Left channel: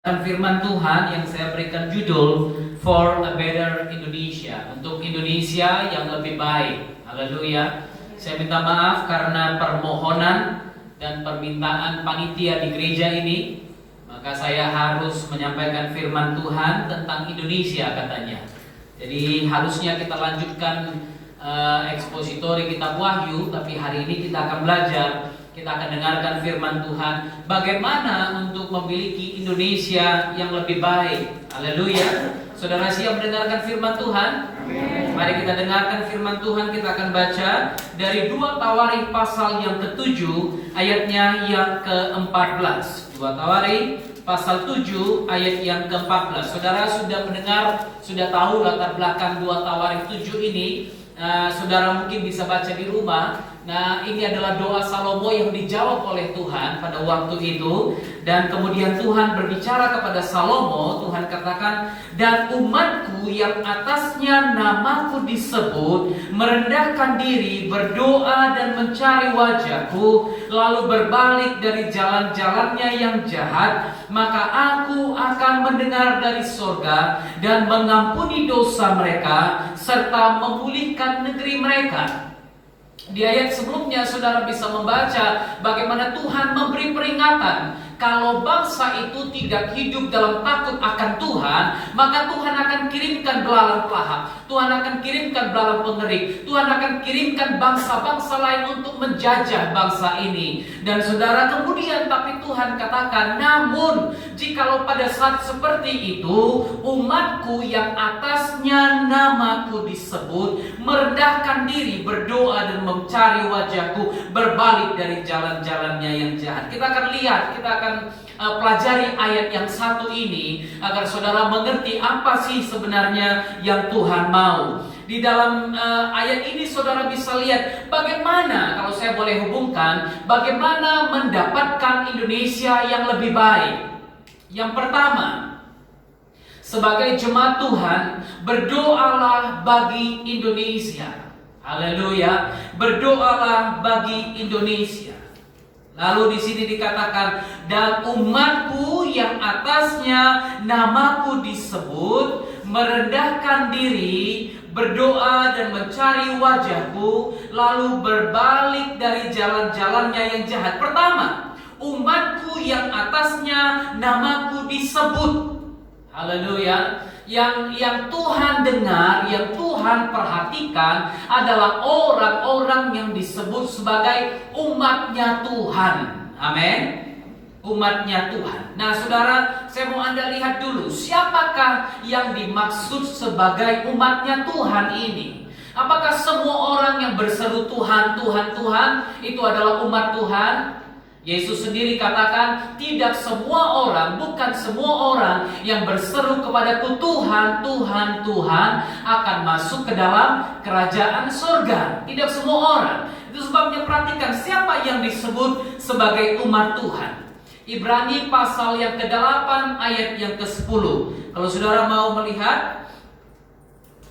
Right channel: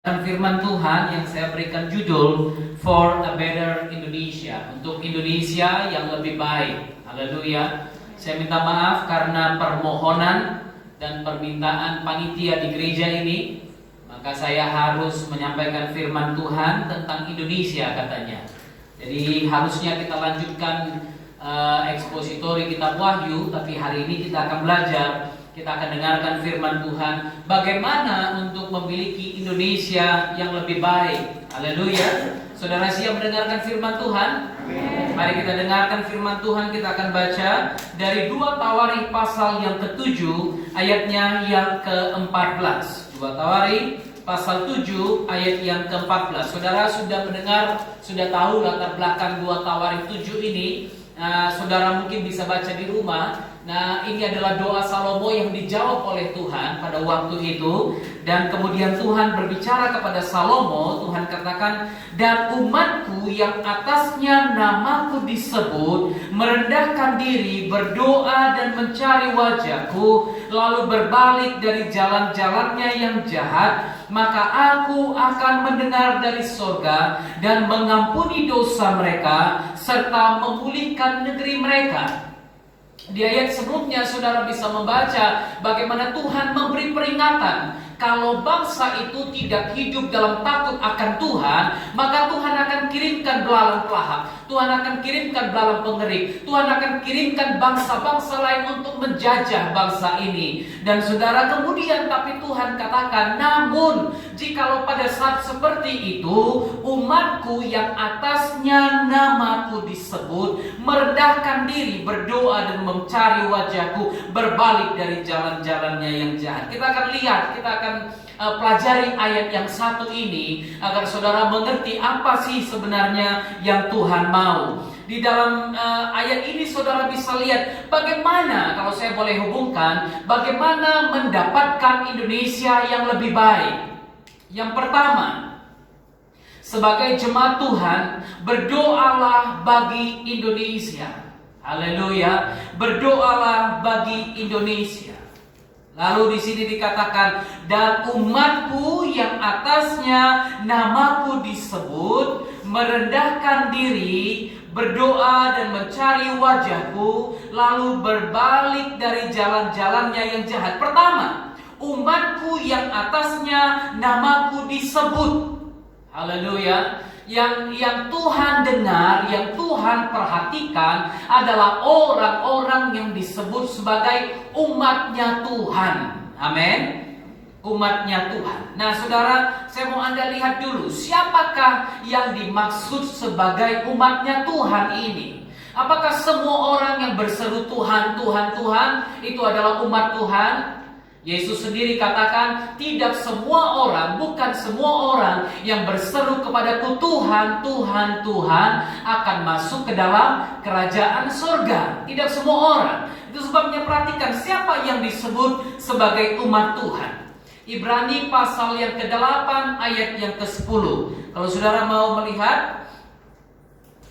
Firman Tuhan yang saya berikan judul For a Better Indonesia, untuk Indonesia yang lebih baik. Haleluya. Saya minta maaf karena permohonan dan permintaan panitia di gereja ini, maka saya harus menyampaikan firman Tuhan tentang Indonesia katanya. Jadi harusnya kita lanjutkan ekspositori kitab Wahyu, tapi hari ini kita akan belajar. Kita akan dengarkan firman Tuhan, bagaimana untuk memiliki Indonesia yang lebih baik. Haleluya. Saudara siap mendengarkan firman Tuhan? Amen. Mari kita dengarkan firman Tuhan. Kita akan baca dari 2 Tawarik pasal yang ke-7 ayatnya yang ke-14. 2 Tawarik pasal 7 ayat yang ke-14. Saudara sudah mendengar, sudah tahu latar belakang 2 Tawarik 7 ini. Saudara mungkin bisa baca di rumah. Nah, ini adalah doa Salomo yang dijawab oleh Tuhan pada waktu itu. Dan kemudian Tuhan berbicara kepada Salomo. Tuhan katakan, dan umatku yang atasnya namaku disebut merendahkan diri, berdoa dan mencari wajahku, lalu berbalik dari jalan-jalannya yang jahat, maka aku akan mendengar dari surga dan mengampuni dosa mereka serta memulihkan negeri mereka. Di ayat sebelumnya saudara bisa membaca bagaimana Tuhan memberi peringatan. Kalau bangsa itu tidak hidup dalam takut akan Tuhan, maka Tuhan akan kirimkan belalang pelahap, Tuhan akan kirimkan belalang pengerik, Tuhan akan kirimkan bangsa-bangsa lain untuk menjajah bangsa ini. Dan saudara kemudian tapi Tuhan katakan, namun jikalau pada saat seperti itu umatku yang atasnya namaku disebut merendahkan diri, berdoa dan mencari wajahku, berbalik dari jalan-jalannya yang jahat. Kita akan lihat, kita akan pelajari ayat yang satu ini agar saudara mengerti apa sih sebenarnya yang Tuhan mau. Di dalam ayat ini saudara bisa lihat bagaimana, kalau saya boleh hubungkan, bagaimana mendapatkan Indonesia yang lebih baik. Yang pertama, sebagai jemaat Tuhan, berdoalah bagi Indonesia. Haleluya, berdoalah bagi Indonesia. Lalu di sini dikatakan, dan umatku yang atasnya namaku disebut merendahkan diri, berdoa dan mencari wajahku, lalu berbalik dari jalan-jalannya yang jahat. Pertama, umatku yang atasnya namaku disebut. Haleluya. Yang Tuhan dengar, yang Tuhan perhatikan adalah orang-orang yang disebut sebagai umatnya Tuhan. Amin. Umatnya Tuhan. Nah saudara, saya mau Anda lihat dulu, siapakah yang dimaksud sebagai umatnya Tuhan ini? Apakah semua orang yang berseru Tuhan, Tuhan, Tuhan itu adalah umat Tuhan? Yesus sendiri katakan, tidak semua orang, bukan semua orang yang berseru kepadaku Tuhan, Tuhan, Tuhan akan masuk ke dalam kerajaan surga. Tidak semua orang. Itu sebabnya perhatikan siapa yang disebut sebagai umat Tuhan. Ibrani pasal yang ke-8 ayat yang ke-10. Kalau saudara mau melihat,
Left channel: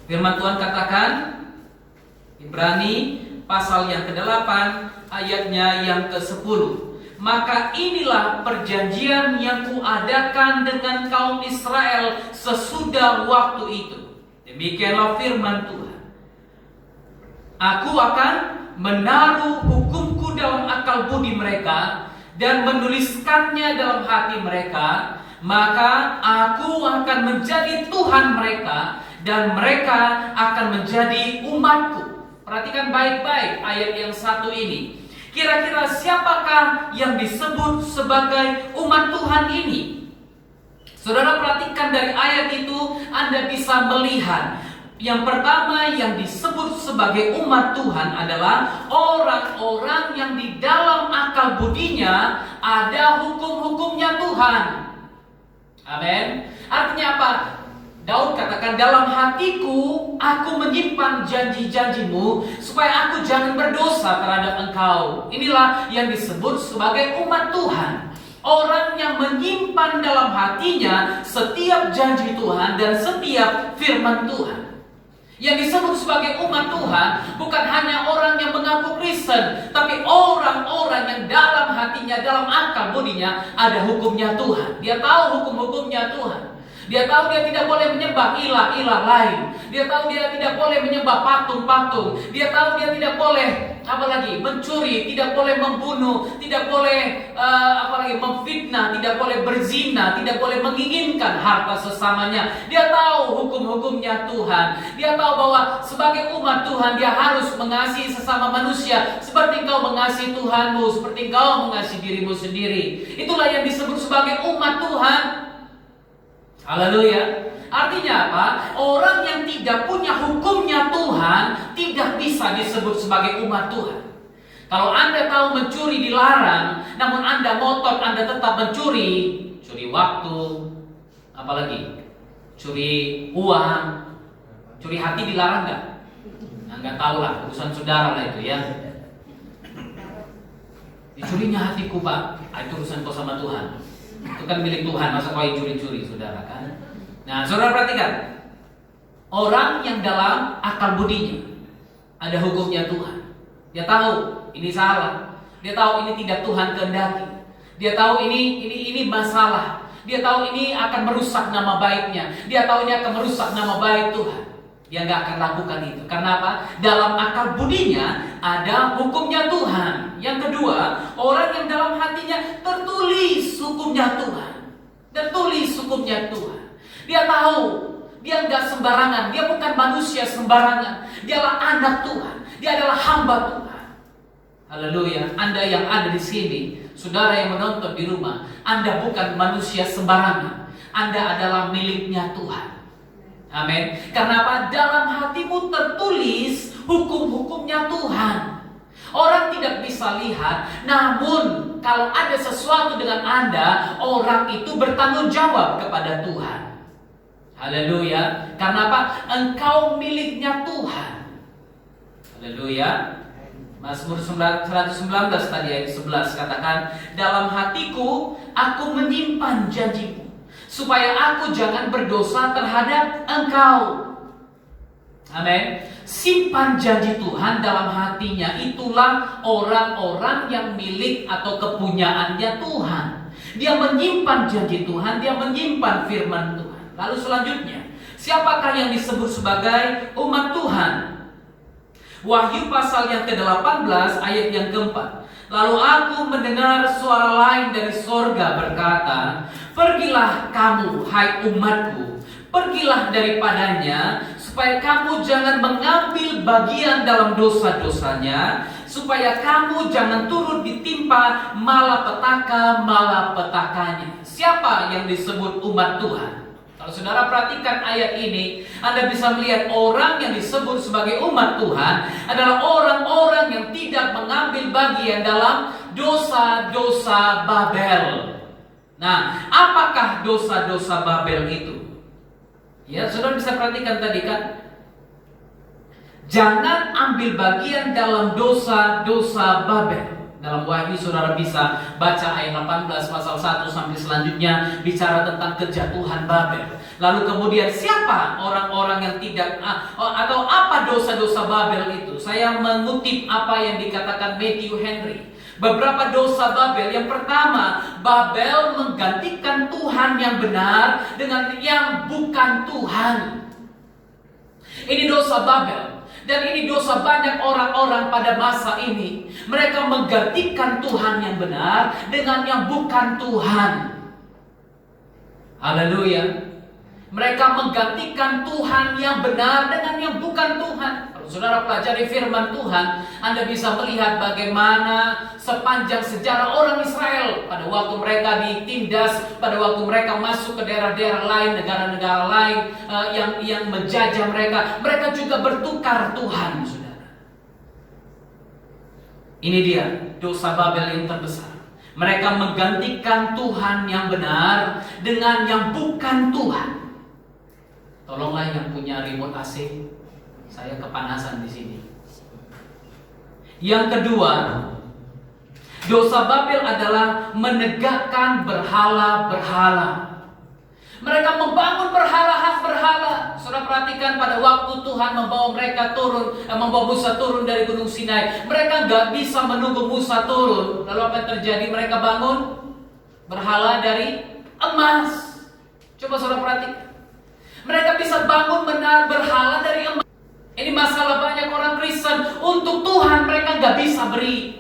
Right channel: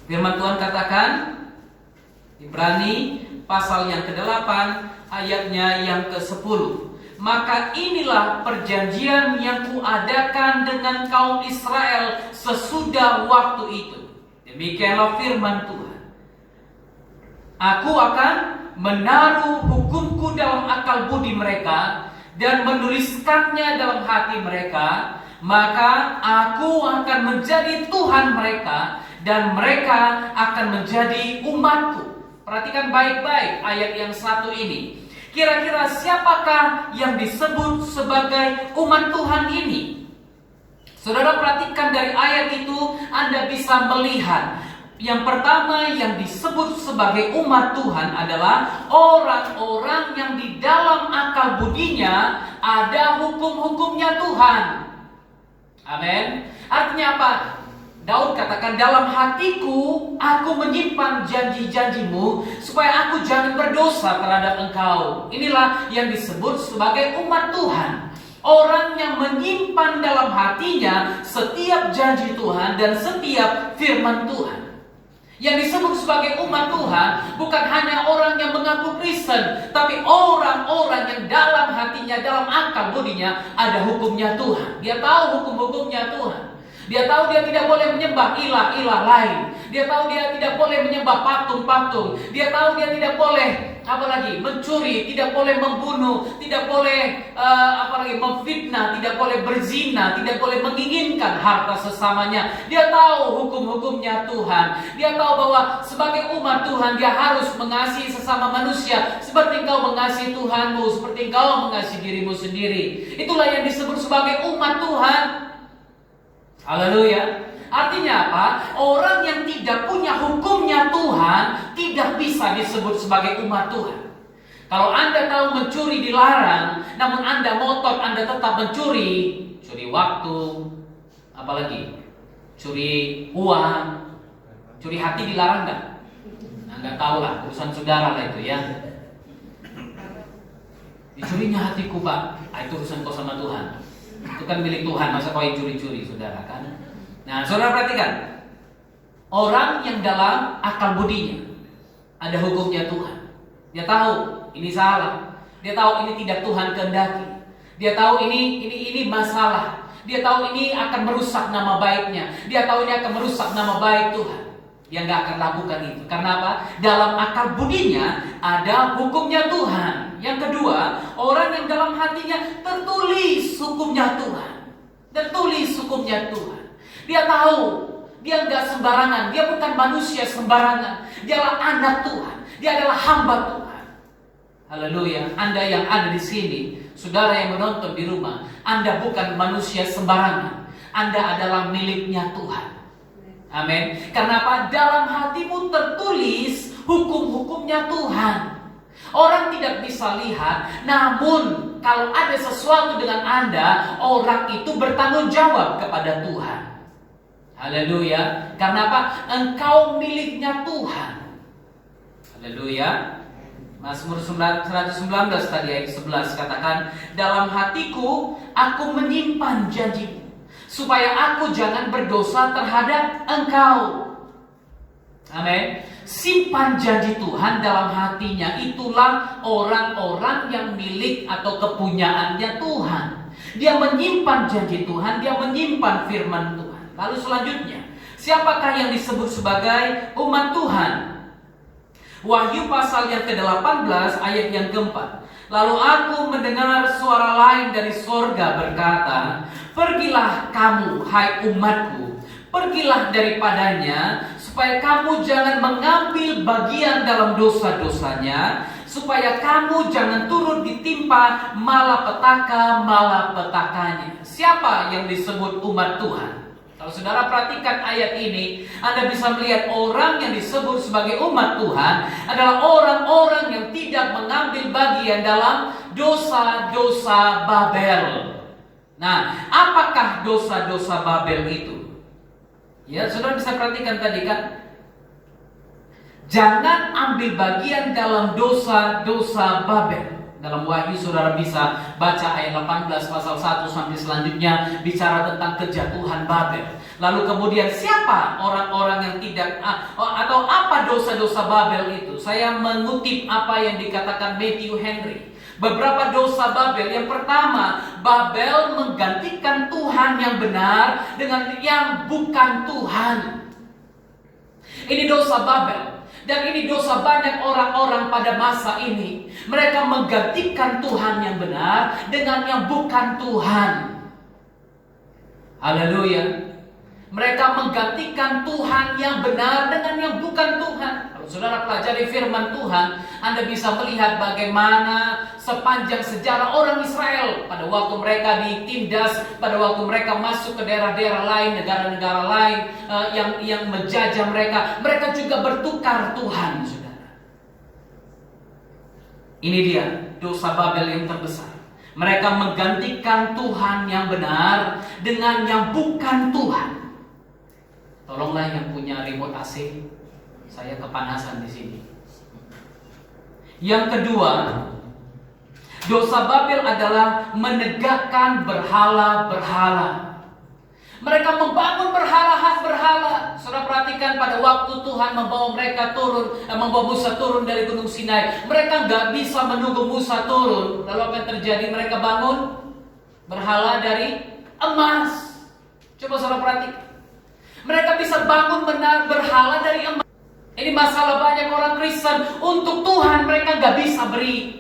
firman Tuhan katakan, Ibrani pasal yang ke-8 ayatnya yang ke-10. Maka inilah perjanjian yang kuadakan dengan kaum Israel sesudah waktu itu. Demikianlah firman Tuhan. Aku akan menaruh hukumku dalam akal budi mereka dan menuliskannya dalam hati mereka. Maka aku akan menjadi Tuhan mereka dan mereka akan menjadi umatku. Perhatikan baik-baik ayat yang satu ini. Kira-kira siapakah yang disebut sebagai umat Tuhan ini? Saudara perhatikan dari ayat itu, Anda bisa melihat. Yang pertama yang disebut sebagai umat Tuhan adalah orang-orang yang di dalam akal budinya ada hukum-hukumnya Tuhan. Amin. Artinya apa? Daud katakan, dalam hatiku aku menyimpan janji-janjimu supaya aku jangan berdosa terhadap engkau. Inilah yang disebut sebagai umat Tuhan. Orang yang menyimpan dalam hatinya setiap janji Tuhan dan setiap firman Tuhan. Yang disebut sebagai umat Tuhan bukan hanya orang yang mengaku Kristen, tapi orang-orang yang dalam hatinya, dalam akal budinya ada hukumnya Tuhan. Dia tahu hukum-hukumnya Tuhan. Dia tahu dia tidak boleh menyembah ilah-ilah lain. Dia tahu dia tidak boleh menyembah patung-patung. Dia tahu dia tidak boleh apalagi mencuri, tidak boleh membunuh, tidak boleh apalagi memfitnah, tidak boleh berzina, tidak boleh menginginkan harta sesamanya. Dia tahu hukum-hukumnya Tuhan. Dia tahu bahwa sebagai umat Tuhan dia harus mengasihi sesama manusia seperti engkau mengasihi Tuhanmu, seperti engkau mengasihi dirimu sendiri. Itulah yang disebut sebagai umat Tuhan. Haleluya. Artinya apa? Orang yang tidak punya hukumnya Tuhan tidak bisa disebut sebagai umat Tuhan. Kalau Anda tahu mencuri dilarang, namun Anda ngotot, Anda tetap mencuri, curi waktu, apalagi curi uang, curi hati dilarang nggak? Nah, nggak tahu lah, urusan saudara lah itu ya. Dicurinya hatiku Pak, itu urusan kau sama Tuhan. Itu kan milik Tuhan, masa kau yang curi-curi saudara kan? Nah, saudara perhatikan, orang yang dalam akal budinya ada hukumnya Tuhan. Dia tahu ini salah, dia tahu ini tidak Tuhan kehendaki, dia tahu ini masalah, dia tahu ini akan merusak nama baiknya, dia tahu ini akan merusak nama baik Tuhan. Dia nggak akan lakukan itu. Karena apa? Dalam akal budinya ada hukumnya Tuhan. Yang kedua, orang yang dalam hatinya tertulis hukumnya Tuhan, tertulis hukumnya Tuhan. Dia tahu, dia nggak sembarangan, dia bukan manusia sembarangan. Dia adalah anak Tuhan, dia adalah hamba Tuhan. Haleluya. Anda yang ada di sini, saudara yang menonton di rumah, Anda bukan manusia sembarangan. Anda adalah miliknya Tuhan. Amin. Karena apa? Dalam hatimu tertulis hukum-hukumnya Tuhan. Orang tidak bisa lihat, namun kalau ada sesuatu dengan Anda, orang itu bertanggung jawab kepada Tuhan. Haleluya. Karena apa? Engkau miliknya Tuhan. Haleluya. Mazmur 119 tadi ayat 11 katakan, dalam hatiku aku menyimpan janjimu, supaya aku jangan berdosa terhadap engkau. Amin. Simpan janji Tuhan dalam hatinya. Itulah orang-orang yang milik atau kepunyaannya Tuhan. Dia menyimpan janji Tuhan, dia menyimpan firman Tuhan. Lalu selanjutnya, siapakah yang disebut sebagai umat Tuhan? Wahyu pasal yang ke-18 ayat yang ke-4. Lalu aku mendengar suara lain dari sorga berkata, pergilah kamu, hai umatku, pergilah daripadanya, supaya kamu jangan mengambil bagian dalam dosa-dosanya, supaya kamu jangan turut ditimpa malapetaka-malapetakanya. Siapa yang disebut umat Tuhan? Kalau saudara perhatikan ayat ini, Anda bisa melihat orang yang disebut sebagai umat Tuhan adalah orang-orang yang tidak mengambil bagian dalam dosa-dosa Babel. Nah, apakah dosa-dosa Babel itu? Ya, saudara bisa perhatikan tadi kan? Jangan ambil bagian dalam dosa-dosa Babel. Dalam Wahyu saudara bisa baca ayat 18 pasal 1 sampai selanjutnya bicara tentang kejatuhan Babel. Lalu kemudian siapa orang-orang yang tidak atau apa dosa-dosa Babel itu? Saya mengutip apa yang dikatakan Matthew Henry. Beberapa dosa Babel. Yang pertama, Babel menggantikan Tuhan yang benar dengan yang bukan Tuhan. Ini dosa Babel. Dan ini dosa banyak orang-orang pada masa ini. Mereka menggantikan Tuhan yang benar dengan yang bukan Tuhan. Haleluya. Mereka menggantikan Tuhan yang benar dengan yang bukan Tuhan. Kalau saudara pelajari firman Tuhan, Anda bisa melihat bagaimana sepanjang sejarah orang Israel pada waktu mereka ditindas, pada waktu mereka masuk ke daerah-daerah lain, negara-negara lain yang menjajah mereka, mereka juga bertukar Tuhan, saudara. Ini dia dosa Babel yang terbesar. Mereka menggantikan Tuhan yang benar dengan yang bukan Tuhan. Tolonglah yang punya remote AC, saya kepanasan di sini. Yang kedua, dosa Babel adalah menegakkan berhala-berhala. Mereka membangun berhala. Saudara perhatikan pada waktu Tuhan membawa mereka turun, membawa Musa turun dari Gunung Sinai. Mereka nggak bisa menunggu Musa turun. Lalu apa yang terjadi? Mereka bangun berhala dari emas. Coba saudara perhatikan. Mereka bisa bangun berhala dari emas. Ini masalah banyak orang Kristen. Untuk Tuhan mereka nggak bisa beri,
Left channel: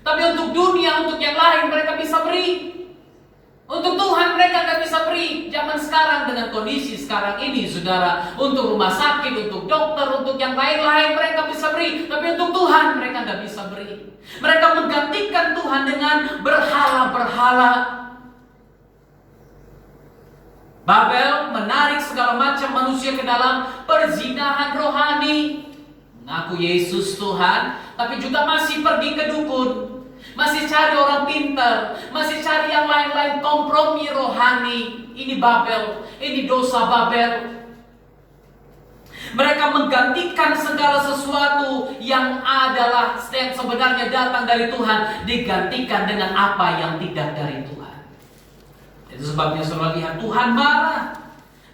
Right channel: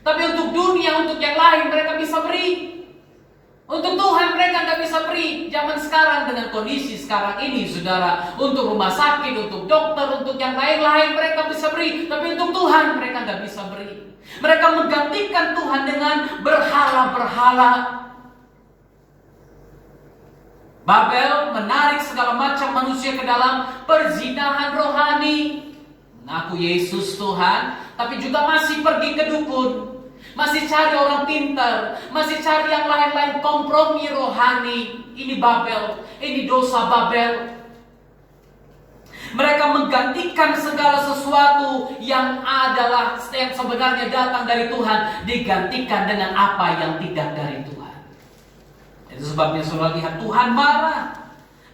tapi untuk dunia, untuk yang lain mereka bisa beri. Untuk Tuhan mereka nggak bisa beri. Zaman sekarang dengan kondisi sekarang ini, saudara, untuk rumah sakit, untuk dokter, untuk yang lain-lain mereka bisa beri, tapi untuk Tuhan mereka nggak bisa beri. Mereka menggantikan Tuhan dengan berhala-berhala. Babel menarik segala macam manusia ke dalam perzinahan rohani. Mengaku Yesus Tuhan, tapi juga masih pergi ke dukun, masih cari orang pintar, masih cari yang lain-lain, kompromi rohani. Ini Babel, ini dosa Babel. Mereka menggantikan segala sesuatu yang adalah yang sebenarnya datang dari Tuhan, digantikan dengan apa yang tidak dari Tuhan. Itu sebabnya saudara lihat Tuhan marah.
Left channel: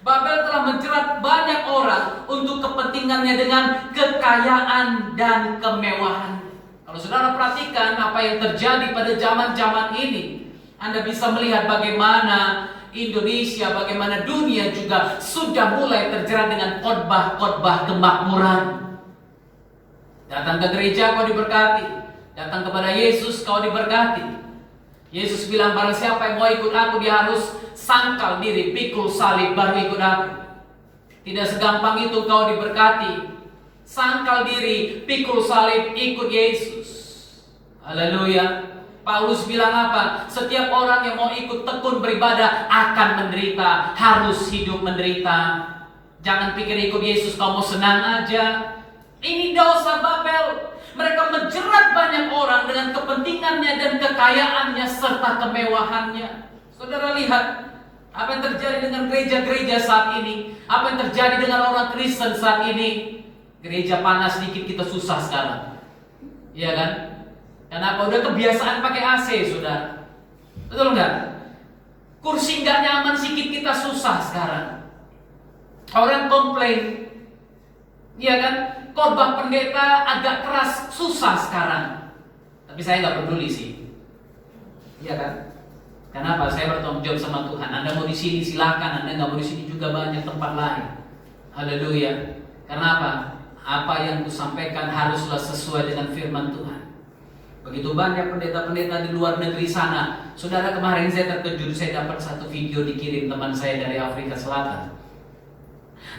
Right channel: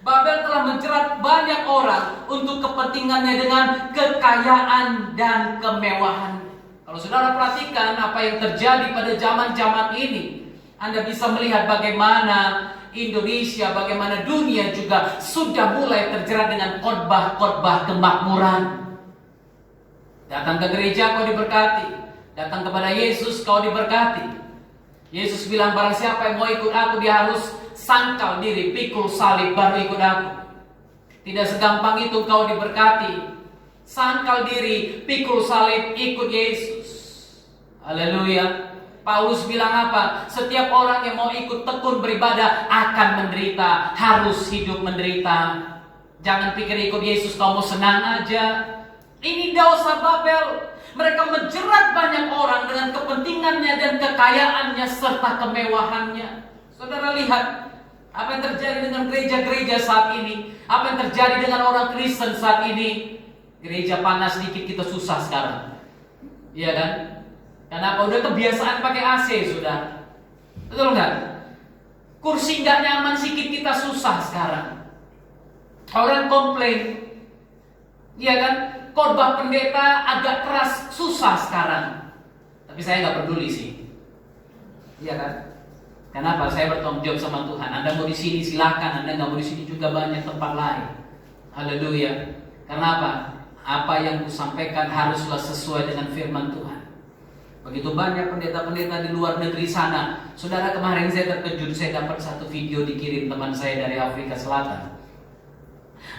Babel telah menjerat banyak orang untuk kepentingannya dengan kekayaan dan kemewahan. Kalau saudara perhatikan apa yang terjadi pada zaman-zaman ini, Anda bisa melihat bagaimana Indonesia, bagaimana dunia juga sudah mulai terjerat dengan khotbah-khotbah kemakmuran. Datang ke gereja kau diberkati, datang kepada Yesus kau diberkati. Yesus bilang barang siapa yang mau ikut aku, dia harus sangkal diri, pikul salib, baru ikut aku. Tidak segampang itu kau diberkati. Sangkal diri, pikul salib, ikut Yesus. Haleluya. Paulus bilang apa? Setiap orang yang mau ikut tekun beribadah akan menderita, harus hidup menderita. Jangan pikir ikut Yesus kamu senang aja. Ini dosa Babel. Mereka menjerat banyak orang dengan kepentingannya dan kekayaannya serta kemewahannya. Saudara lihat apa yang terjadi dengan gereja-gereja saat ini. Apa yang terjadi dengan orang Kristen saat ini. Gereja panas sedikit kita susah sekarang. Iya kan? Kenapa? Udah kebiasaan pakai AC, saudara. Betul nggak? Kursi nggak nyaman sedikit kita susah sekarang. Orang komplain. Iya kan? Khotbah pendeta agak keras, susah sekarang. Tapi saya nggak peduli sih. Iya kan? Kenapa? Saya bertanggung jawab sama Tuhan. Anda mau di sini silakan, Anda nggak mau di sini juga banyak tempat lain. Haleluya. Karena apa? Apa yang kusampaikan haruslah sesuai dengan firman Tuhan. Begitu banyak pendeta-pendeta di luar negeri sana. Saudara, kemarin saya terkejut, saya dapat satu video dikirim teman saya dari Afrika Selatan.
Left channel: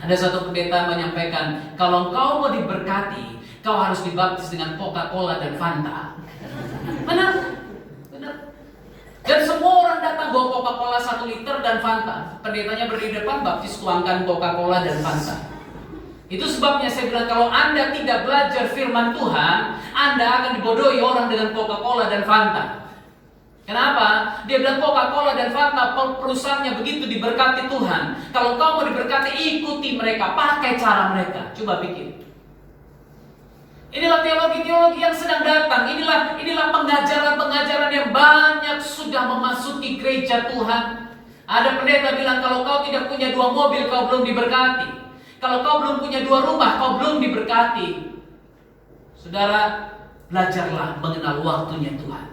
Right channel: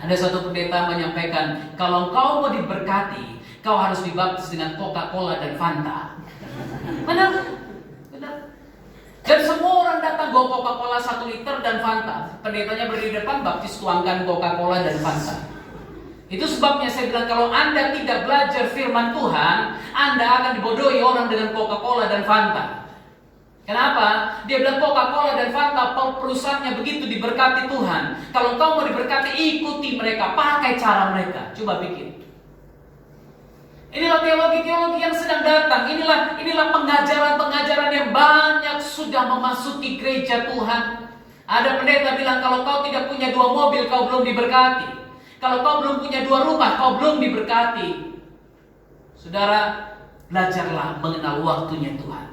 Ada satu pendeta menyampaikan, kalau kau mau diberkati, kau harus dibaptis dengan Coca-Cola dan Fanta. Benar? Benar. Dan semua orang datang bawa Coca-Cola 1 liter dan Fanta. Pendetanya berdiri di depan, baptis tuangkan Coca-Cola dan Fanta. Itu sebabnya saya bilang, kalau Anda tidak belajar firman Tuhan, Anda akan dibodohi orang dengan Coca-Cola dan Fanta. Kenapa? Dia bilang Coca-Cola dan Fanta perusahaannya begitu diberkati Tuhan. Kalau kau mau diberkati, ikuti mereka, pakai cara mereka. Coba pikir. Inilah teologi-teologi yang sedang datang. Inilah pengajaran-pengajaran yang banyak sudah memasuki gereja Tuhan. Ada pendeta bilang kalau kau tidak punya 2 mobil, kau belum diberkati. Kalau kau belum punya 2 rumah, kau belum diberkati. Saudara, belajarlah mengenal waktunya Tuhan.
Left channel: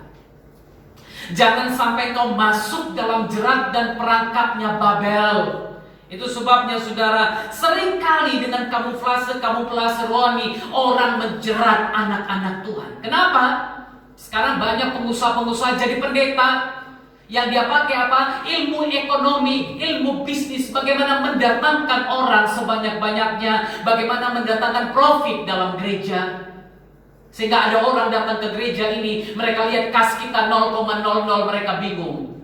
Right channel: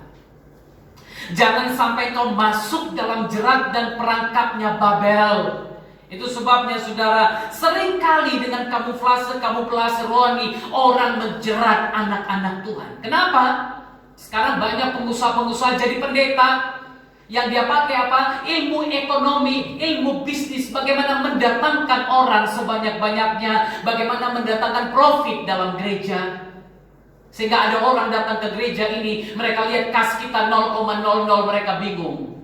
Jangan sampai kau masuk dalam jerat dan perangkapnya Babel. Itu sebabnya saudara, seringkali dengan kamuflase rohani, orang menjerat anak-anak Tuhan. Kenapa? Sekarang banyak pengusaha-pengusaha jadi pendeta. Yang dia pakai apa? Ilmu ekonomi, ilmu bisnis. Bagaimana mendatangkan orang sebanyak-banyaknya. Bagaimana mendatangkan profit dalam gereja. Sehingga ada orang datang ke gereja ini, mereka lihat kas kita 0,00, mereka bingung.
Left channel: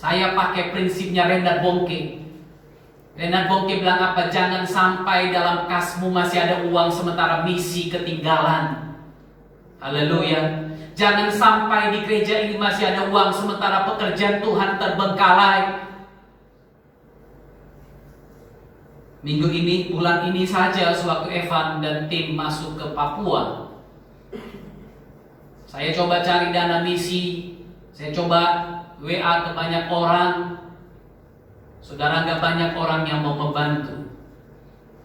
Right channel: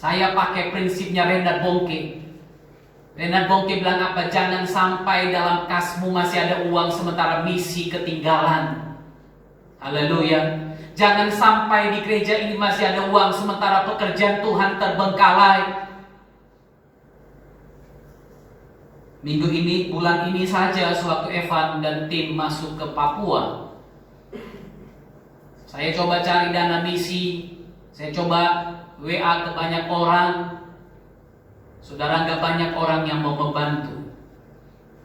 Saya pakai prinsipnya Reinhard Bonnke. Reinhard Bonnke bilang apa? Jangan sampai dalam kasmu masih ada uang sementara misi ketinggalan. Haleluya. Jangan sampai di gereja ini masih ada uang sementara pekerjaan Tuhan terbengkalai. Minggu ini, bulan ini saja, sewaktu Evan dan tim masuk ke Papua, saya coba cari dana misi, saya coba WA ke banyak orang. Saudara, nggak banyak orang yang mau membantu.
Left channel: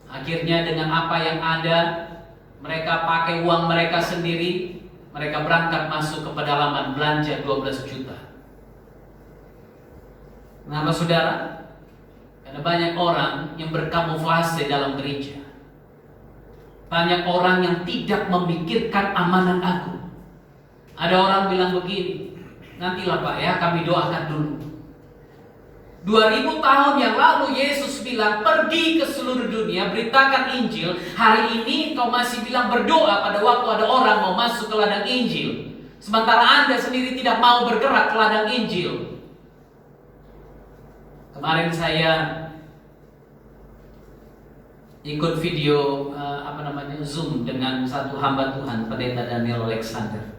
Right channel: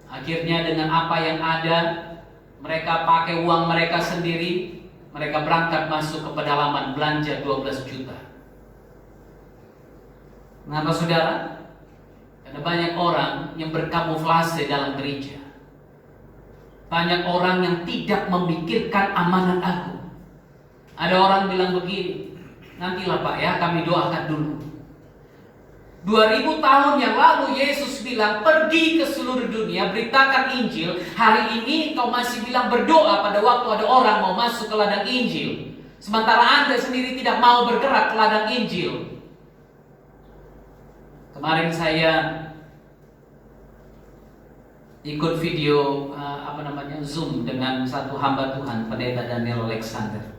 Akhirnya dengan apa yang ada, mereka pakai uang mereka sendiri, mereka berangkat masuk ke pedalaman belanja 12 juta. Mengapa saudara? Karena banyak orang yang berkamuflase dalam gereja. Banyak orang yang tidak memikirkan amanat aku. Ada orang bilang begini, nantilah Pak ya, kami doakan dulu. 2000 tahun yang lalu Yesus bilang, pergi ke seluruh dunia, beritakan Injil. Hari ini kau masih bilang berdoa pada waktu ada orang mau masuk ke ladang Injil, sementara Anda sendiri tidak mau bergerak ke ladang Injil. Kemarin saya ikut video Zoom dengan satu hamba Tuhan, Pendeta Daniel Alexander.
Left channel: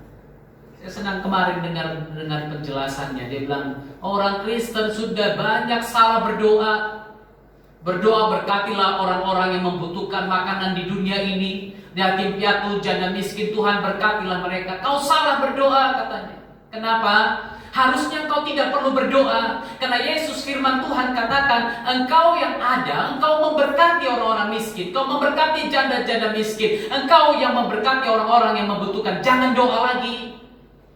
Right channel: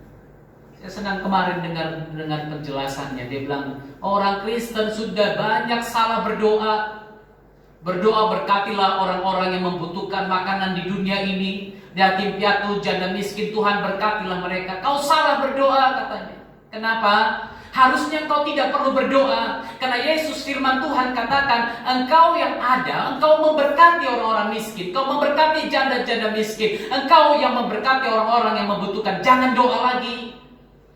Saya senang kemarin dengar penjelasannya. Dia bilang, orang Kristen sudah banyak salah berdoa. Berdoa berkatilah orang-orang yang membutuhkan makanan di dunia ini, yatim piatu, janda miskin, Tuhan berkatilah mereka. Kau salah berdoa katanya. Kenapa? Harusnya engkau tidak perlu berdoa, karena Yesus firman Tuhan katakan, engkau yang ada, engkau memberkati orang-orang miskin, engkau memberkati janda-janda miskin, engkau yang memberkati orang-orang yang membutuhkan. Jangan doa lagi.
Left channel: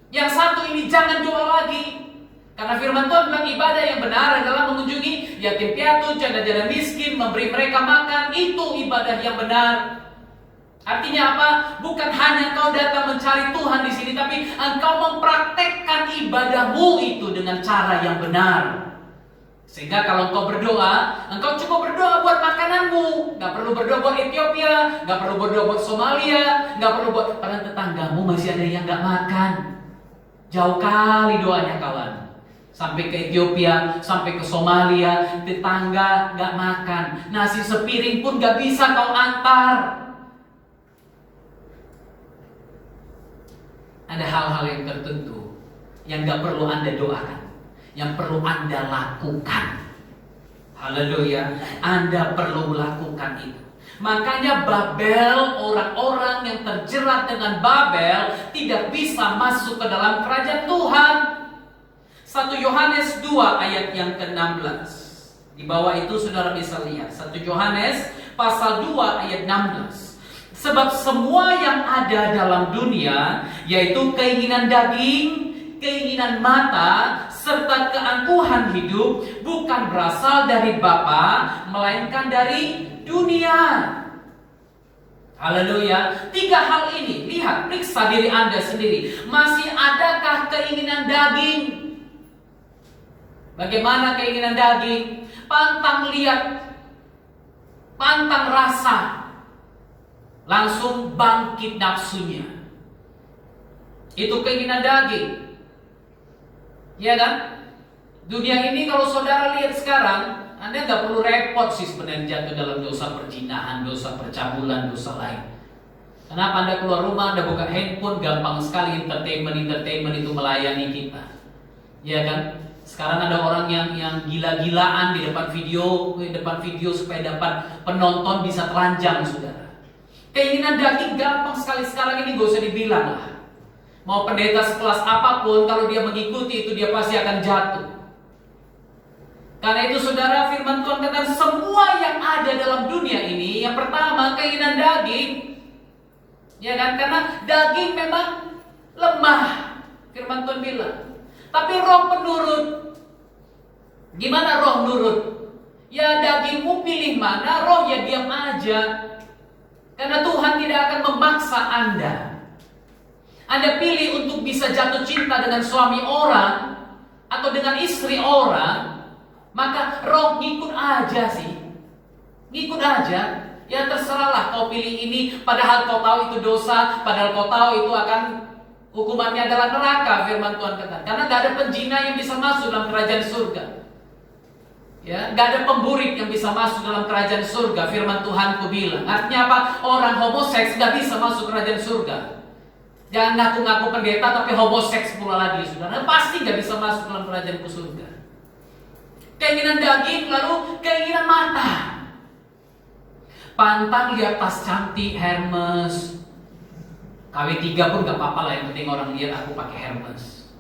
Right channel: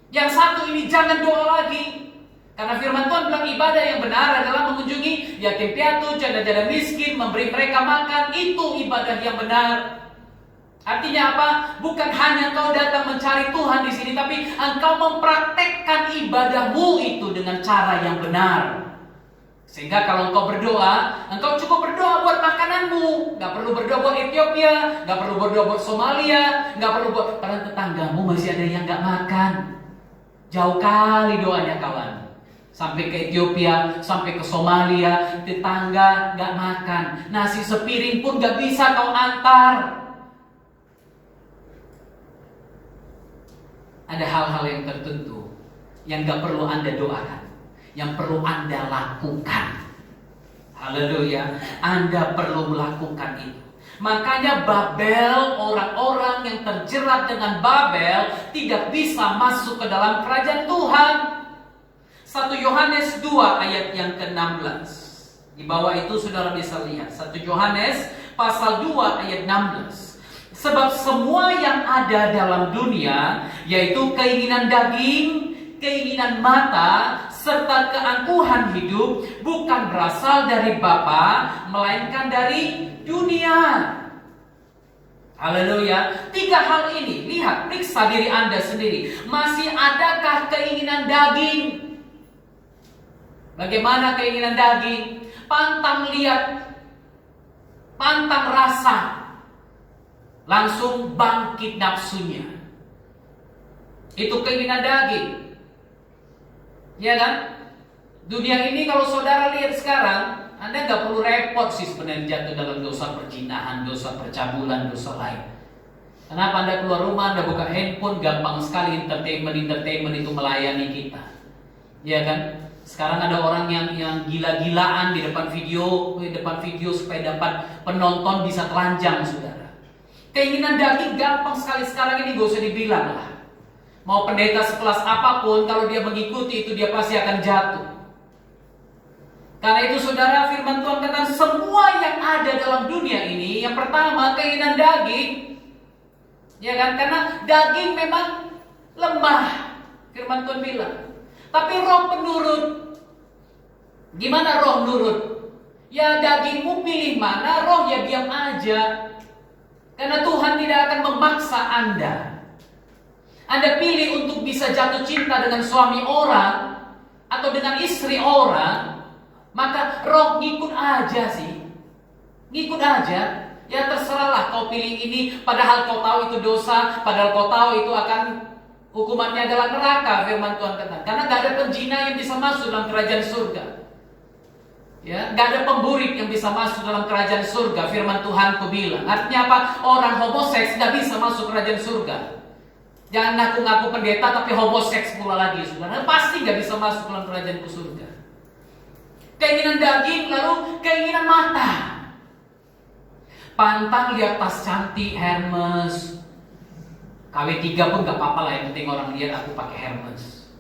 Yang satu ini jangan doa lagi. Karena firman Tuhan bilang ibadah yang benar adalah mengunjungi yatim piatu, janda-janda miskin, memberi mereka makan. Itu ibadah yang benar. Artinya apa? Bukan hanya engkau datang mencari Tuhan di sini, tapi engkau mempraktekkan ibadahmu itu dengan cara yang benar. Sehingga kalau engkau berdoa, engkau cukup berdoa buat makananmu, nggak perlu berdoa buat Ethiopia, nggak perlu berdoa buat Somalia, nggak perlu buat padahal tetanggamu masih ada yang nggak makan. Jauh kali doanya kawan. Sampai ke Ethiopia, sampai ke Somalia, tetangga nggak makan, nasi sepiring pun nggak bisa kau antar. Ada hal-hal yang tertentu yang gak perlu Anda doakan, yang perlu Anda lakukan. Haleluya, Anda perlu lakukan itu. Makanya Babel, orang-orang yang terjerat dengan Babel tidak bisa masuk ke dalam kerajaan Tuhan. 1 Yohanes 2 ayat yang ke-16. Di bawah itu saudara bisa lihat 1 Yohanes pasal 2 ayat 16. Sebab semua yang ada dalam dunia, yaitu keinginan daging, keinginan mata, serta keangkuhan hidup, bukan berasal dari Bapa, melainkan dari dunia. Haleluya. 3 hal ini, lihat, periksa diri Anda sendiri. Masih adakah keinginan daging? Bagaimana keinginan daging? Pantang lihat, pantang rasa, langsung bangkit nafsunya. Itu keinginan daging. Ya kan? Dunia ini kalau saudara lihat sekarang, Anda nggak perlu repot sih sebenarnya jatuh dalam dosa perzinahan, dosa percabulan, dosa lain. Kenapa Anda keluar rumah, Anda buka handphone, gampang sekali entertainment itu melayani kita. Ya kan? Sekarang ada orang yang gila-gilaan di depan video supaya dapat penonton bisa telanjang, saudara. Keinginan daging gampang sekali sekarang ini, gak usah dibilang lah. Mau pendeta sekelas apapun, kalau dia mengikuti itu dia pasti akan jatuh. Karena itu saudara, firman Tuhan katakan semua yang ada dalam dunia ini, yang pertama keinginan daging. Ya kan, karena daging memang lemah, firman Tuhan bilang. Tapi roh penurut. Gimana roh nurut? Ya dagingmu pilih mana, roh ya diam aja. Karena Tuhan tidak akan memaksa Anda. Anda pilih untuk bisa jatuh cinta dengan suami orang atau dengan istri orang, maka roh ngikut aja sih. Ngikut aja. Ya terserahlah kau pilih ini, padahal kau tahu itu dosa, padahal kau tahu itu akan hukumannya adalah neraka, firman Tuhan katakan. Karena gak ada penjina yang bisa masuk dalam kerajaan surga. Ya, gak ada pemburik yang bisa masuk dalam kerajaan surga, firman Tuhan ku bilang. Artinya apa? Orang homoseks gak bisa masuk kerajaan surga. Jangan ngaku-ngaku pendeta tapi homoseks pula lagi, saudara. Pasti gak bisa masuk dalam kerajaan surga. Keinginan daging, lalu keinginan mata. Pantang lihat tas cantik Hermes. KW3 pun gak apa-apa lah, yang penting orang lihat aku pakai Hermes.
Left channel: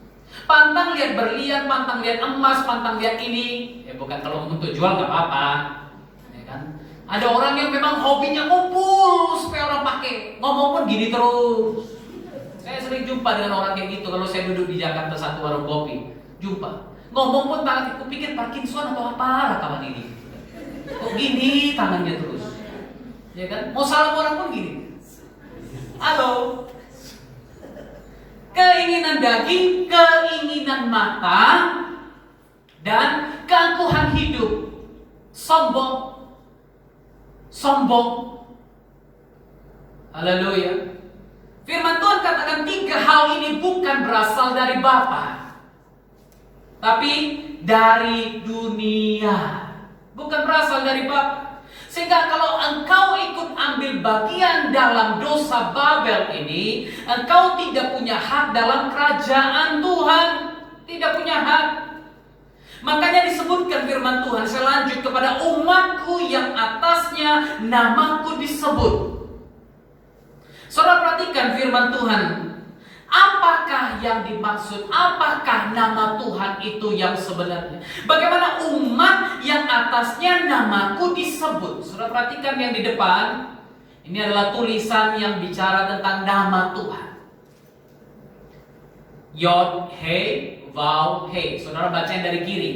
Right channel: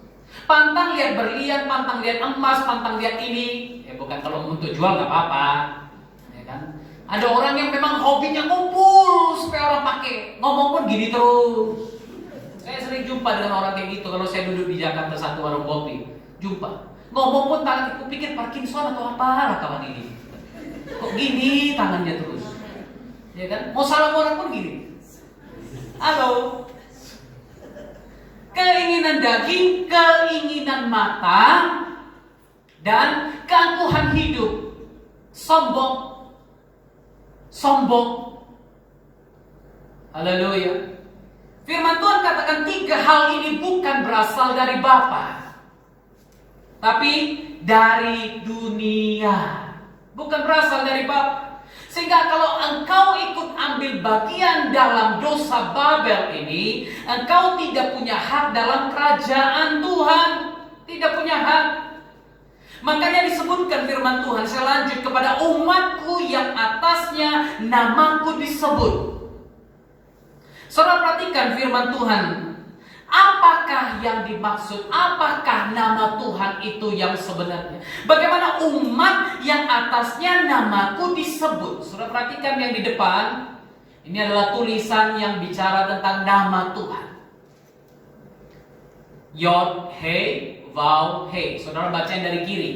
Pantang lihat berlian, pantang lihat emas, pantang lihat ini. Ya bukan kalau untuk jual nggak apa-apa, ya kan? Ada orang yang memang hobinya ngumpul supaya orang pakai. Ngomong pun gini terus. Saya sering jumpa dengan orang kayak gitu. Kalau saya duduk di Jakarta satu warung kopi, jumpa. Ngomong pun tangan, aku pikir Parkinson atau apa tangan ini. Kok gini tangannya terus, ya kan? Mau salam orang pun gini. Halo. Keinginan daging, keinginan mata, dan keangkuhan hidup. Sombong. Haleluya. Firman Tuhan katakan 3 hal ini bukan berasal dari Bapa, tapi dari dunia. Bukan berasal dari Bapa. Sehingga kalau engkau ikut ambil bagian dalam dosa Babel ini, engkau tidak punya hak dalam kerajaan Tuhan. Tidak punya hak. Makanya disebutkan firman Tuhan, saya lanjut kepada umatku yang atasnya namaku disebut. Saudara perhatikan firman Tuhan. Apakah yang dimaksud? Apakah nama Tuhan itu yang sebenarnya? Bagaimana umat yang atasnya namaku disebut? Saudara perhatikan yang di depan. Ini adalah tulisan yang bicara tentang nama Tuhan. Yod, He, Vav, He. Saudara baca yang dari kiri,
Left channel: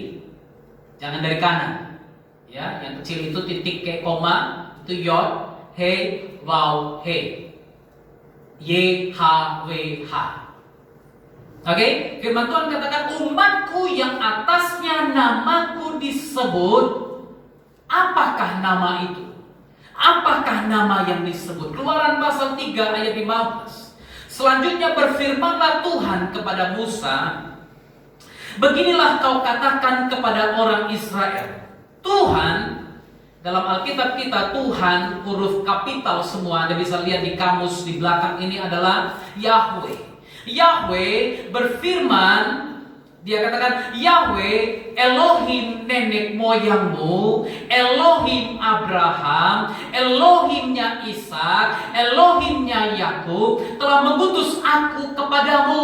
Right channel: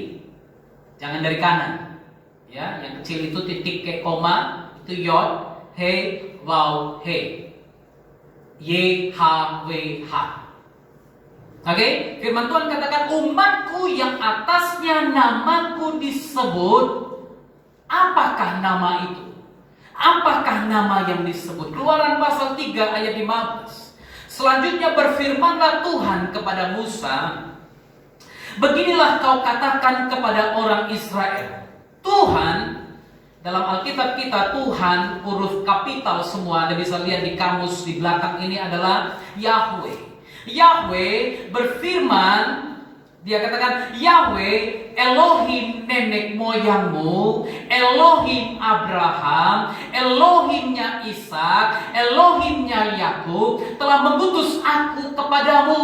jangan dari kanan. Ya, yang kecil itu titik kayak koma, itu Yod, He, Vav, He. YHWH. Oke, firman Tuhan katakan umatku yang atasnya namaku disebut. Apakah nama itu? Apakah nama yang disebut? Keluaran pasal 3 ayat 15. Selanjutnya berfirmanlah Tuhan kepada Musa, beginilah kau katakan kepada orang Israel, Tuhan. Dalam Alkitab kita Tuhan huruf kapital semua. Anda bisa lihat di kamus di belakang ini adalah Yahweh. Yahweh berfirman, dia katakan Yahweh Elohim nenek moyangmu, Elohim Abraham, Elohimnya Ishak, Elohimnya Yakub telah mengutus aku kepadamu.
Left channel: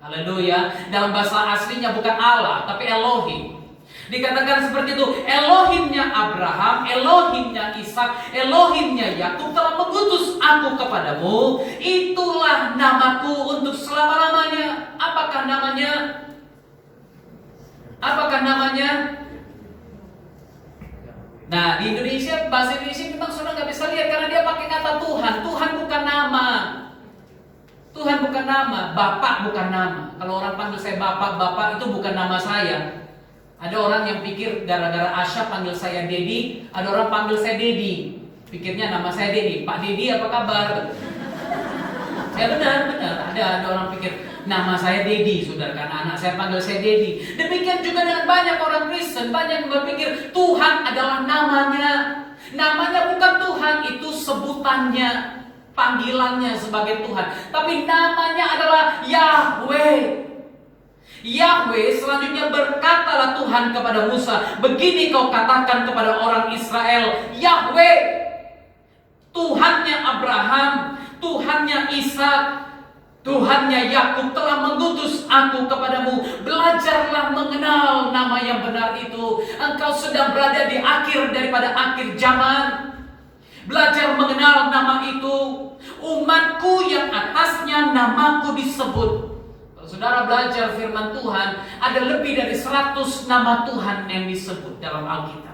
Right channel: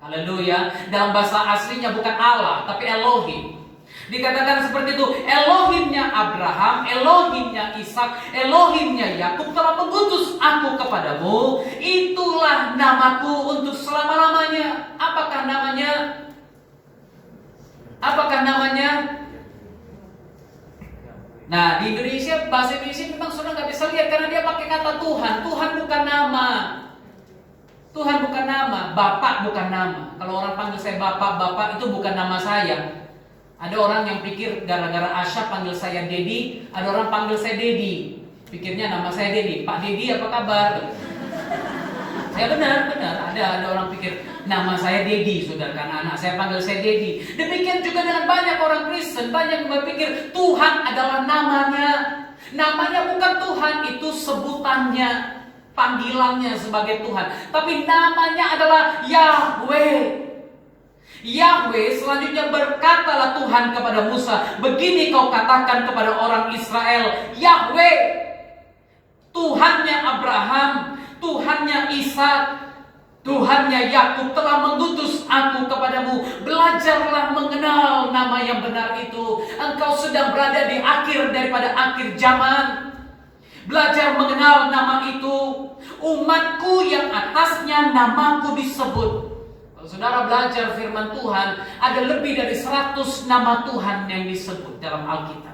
Haleluya. Dalam bahasa aslinya bukan Allah tapi Elohim. Dikatakan seperti itu, Elohimnya Abraham, Elohimnya Ishak, Elohimnya Yakub telah mengutus aku kepadamu. Itulah namaku untuk selama-lamanya. Apakah namanya? Apakah namanya? Nah, di Indonesia, bahasa Indonesia memang saudara nggak bisa lihat karena dia pakai kata Tuhan. Tuhan bukan nama. Tuhan bukan nama, Bapak bukan nama. Kalau orang panggil saya Bapak, Bapak itu bukan nama saya. Ada orang yang pikir gara-gara Asya panggil saya Dedi, ada orang panggil saya Dedi. Pikirnya nama saya Dedi. Pak Dedi apa kabar? Ya benar. Ada orang pikir nama saya Dedi, saudara, karena anak saya panggil saya Dedi. Demikian juga dengan banyak orang Kristen, banyak yang berpikir Tuhan adalah namanya. Namanya bukan Tuhan, itu sebutannya, panggilannya sebagai Tuhan. Tapi namanya adalah Yahweh. Yahweh selanjutnya berkatalah Tuhan kepada Musa, begini kau katakan kepada orang Israel, Yahweh, Tuhannya Abraham, Tuhannya Ishak, Tuhannya Yakub telah mengutus aku kepadamu. Belajarlah mengenal nama yang benar itu. Engkau sedang berada di akhir daripada akhir zaman. Belajar mengenal nama itu. Umatku yang atasnya namaku disebut. Saudara belajar firman Tuhan, ada lebih dari 100 nama Tuhan yang disebut dalam Alkitab.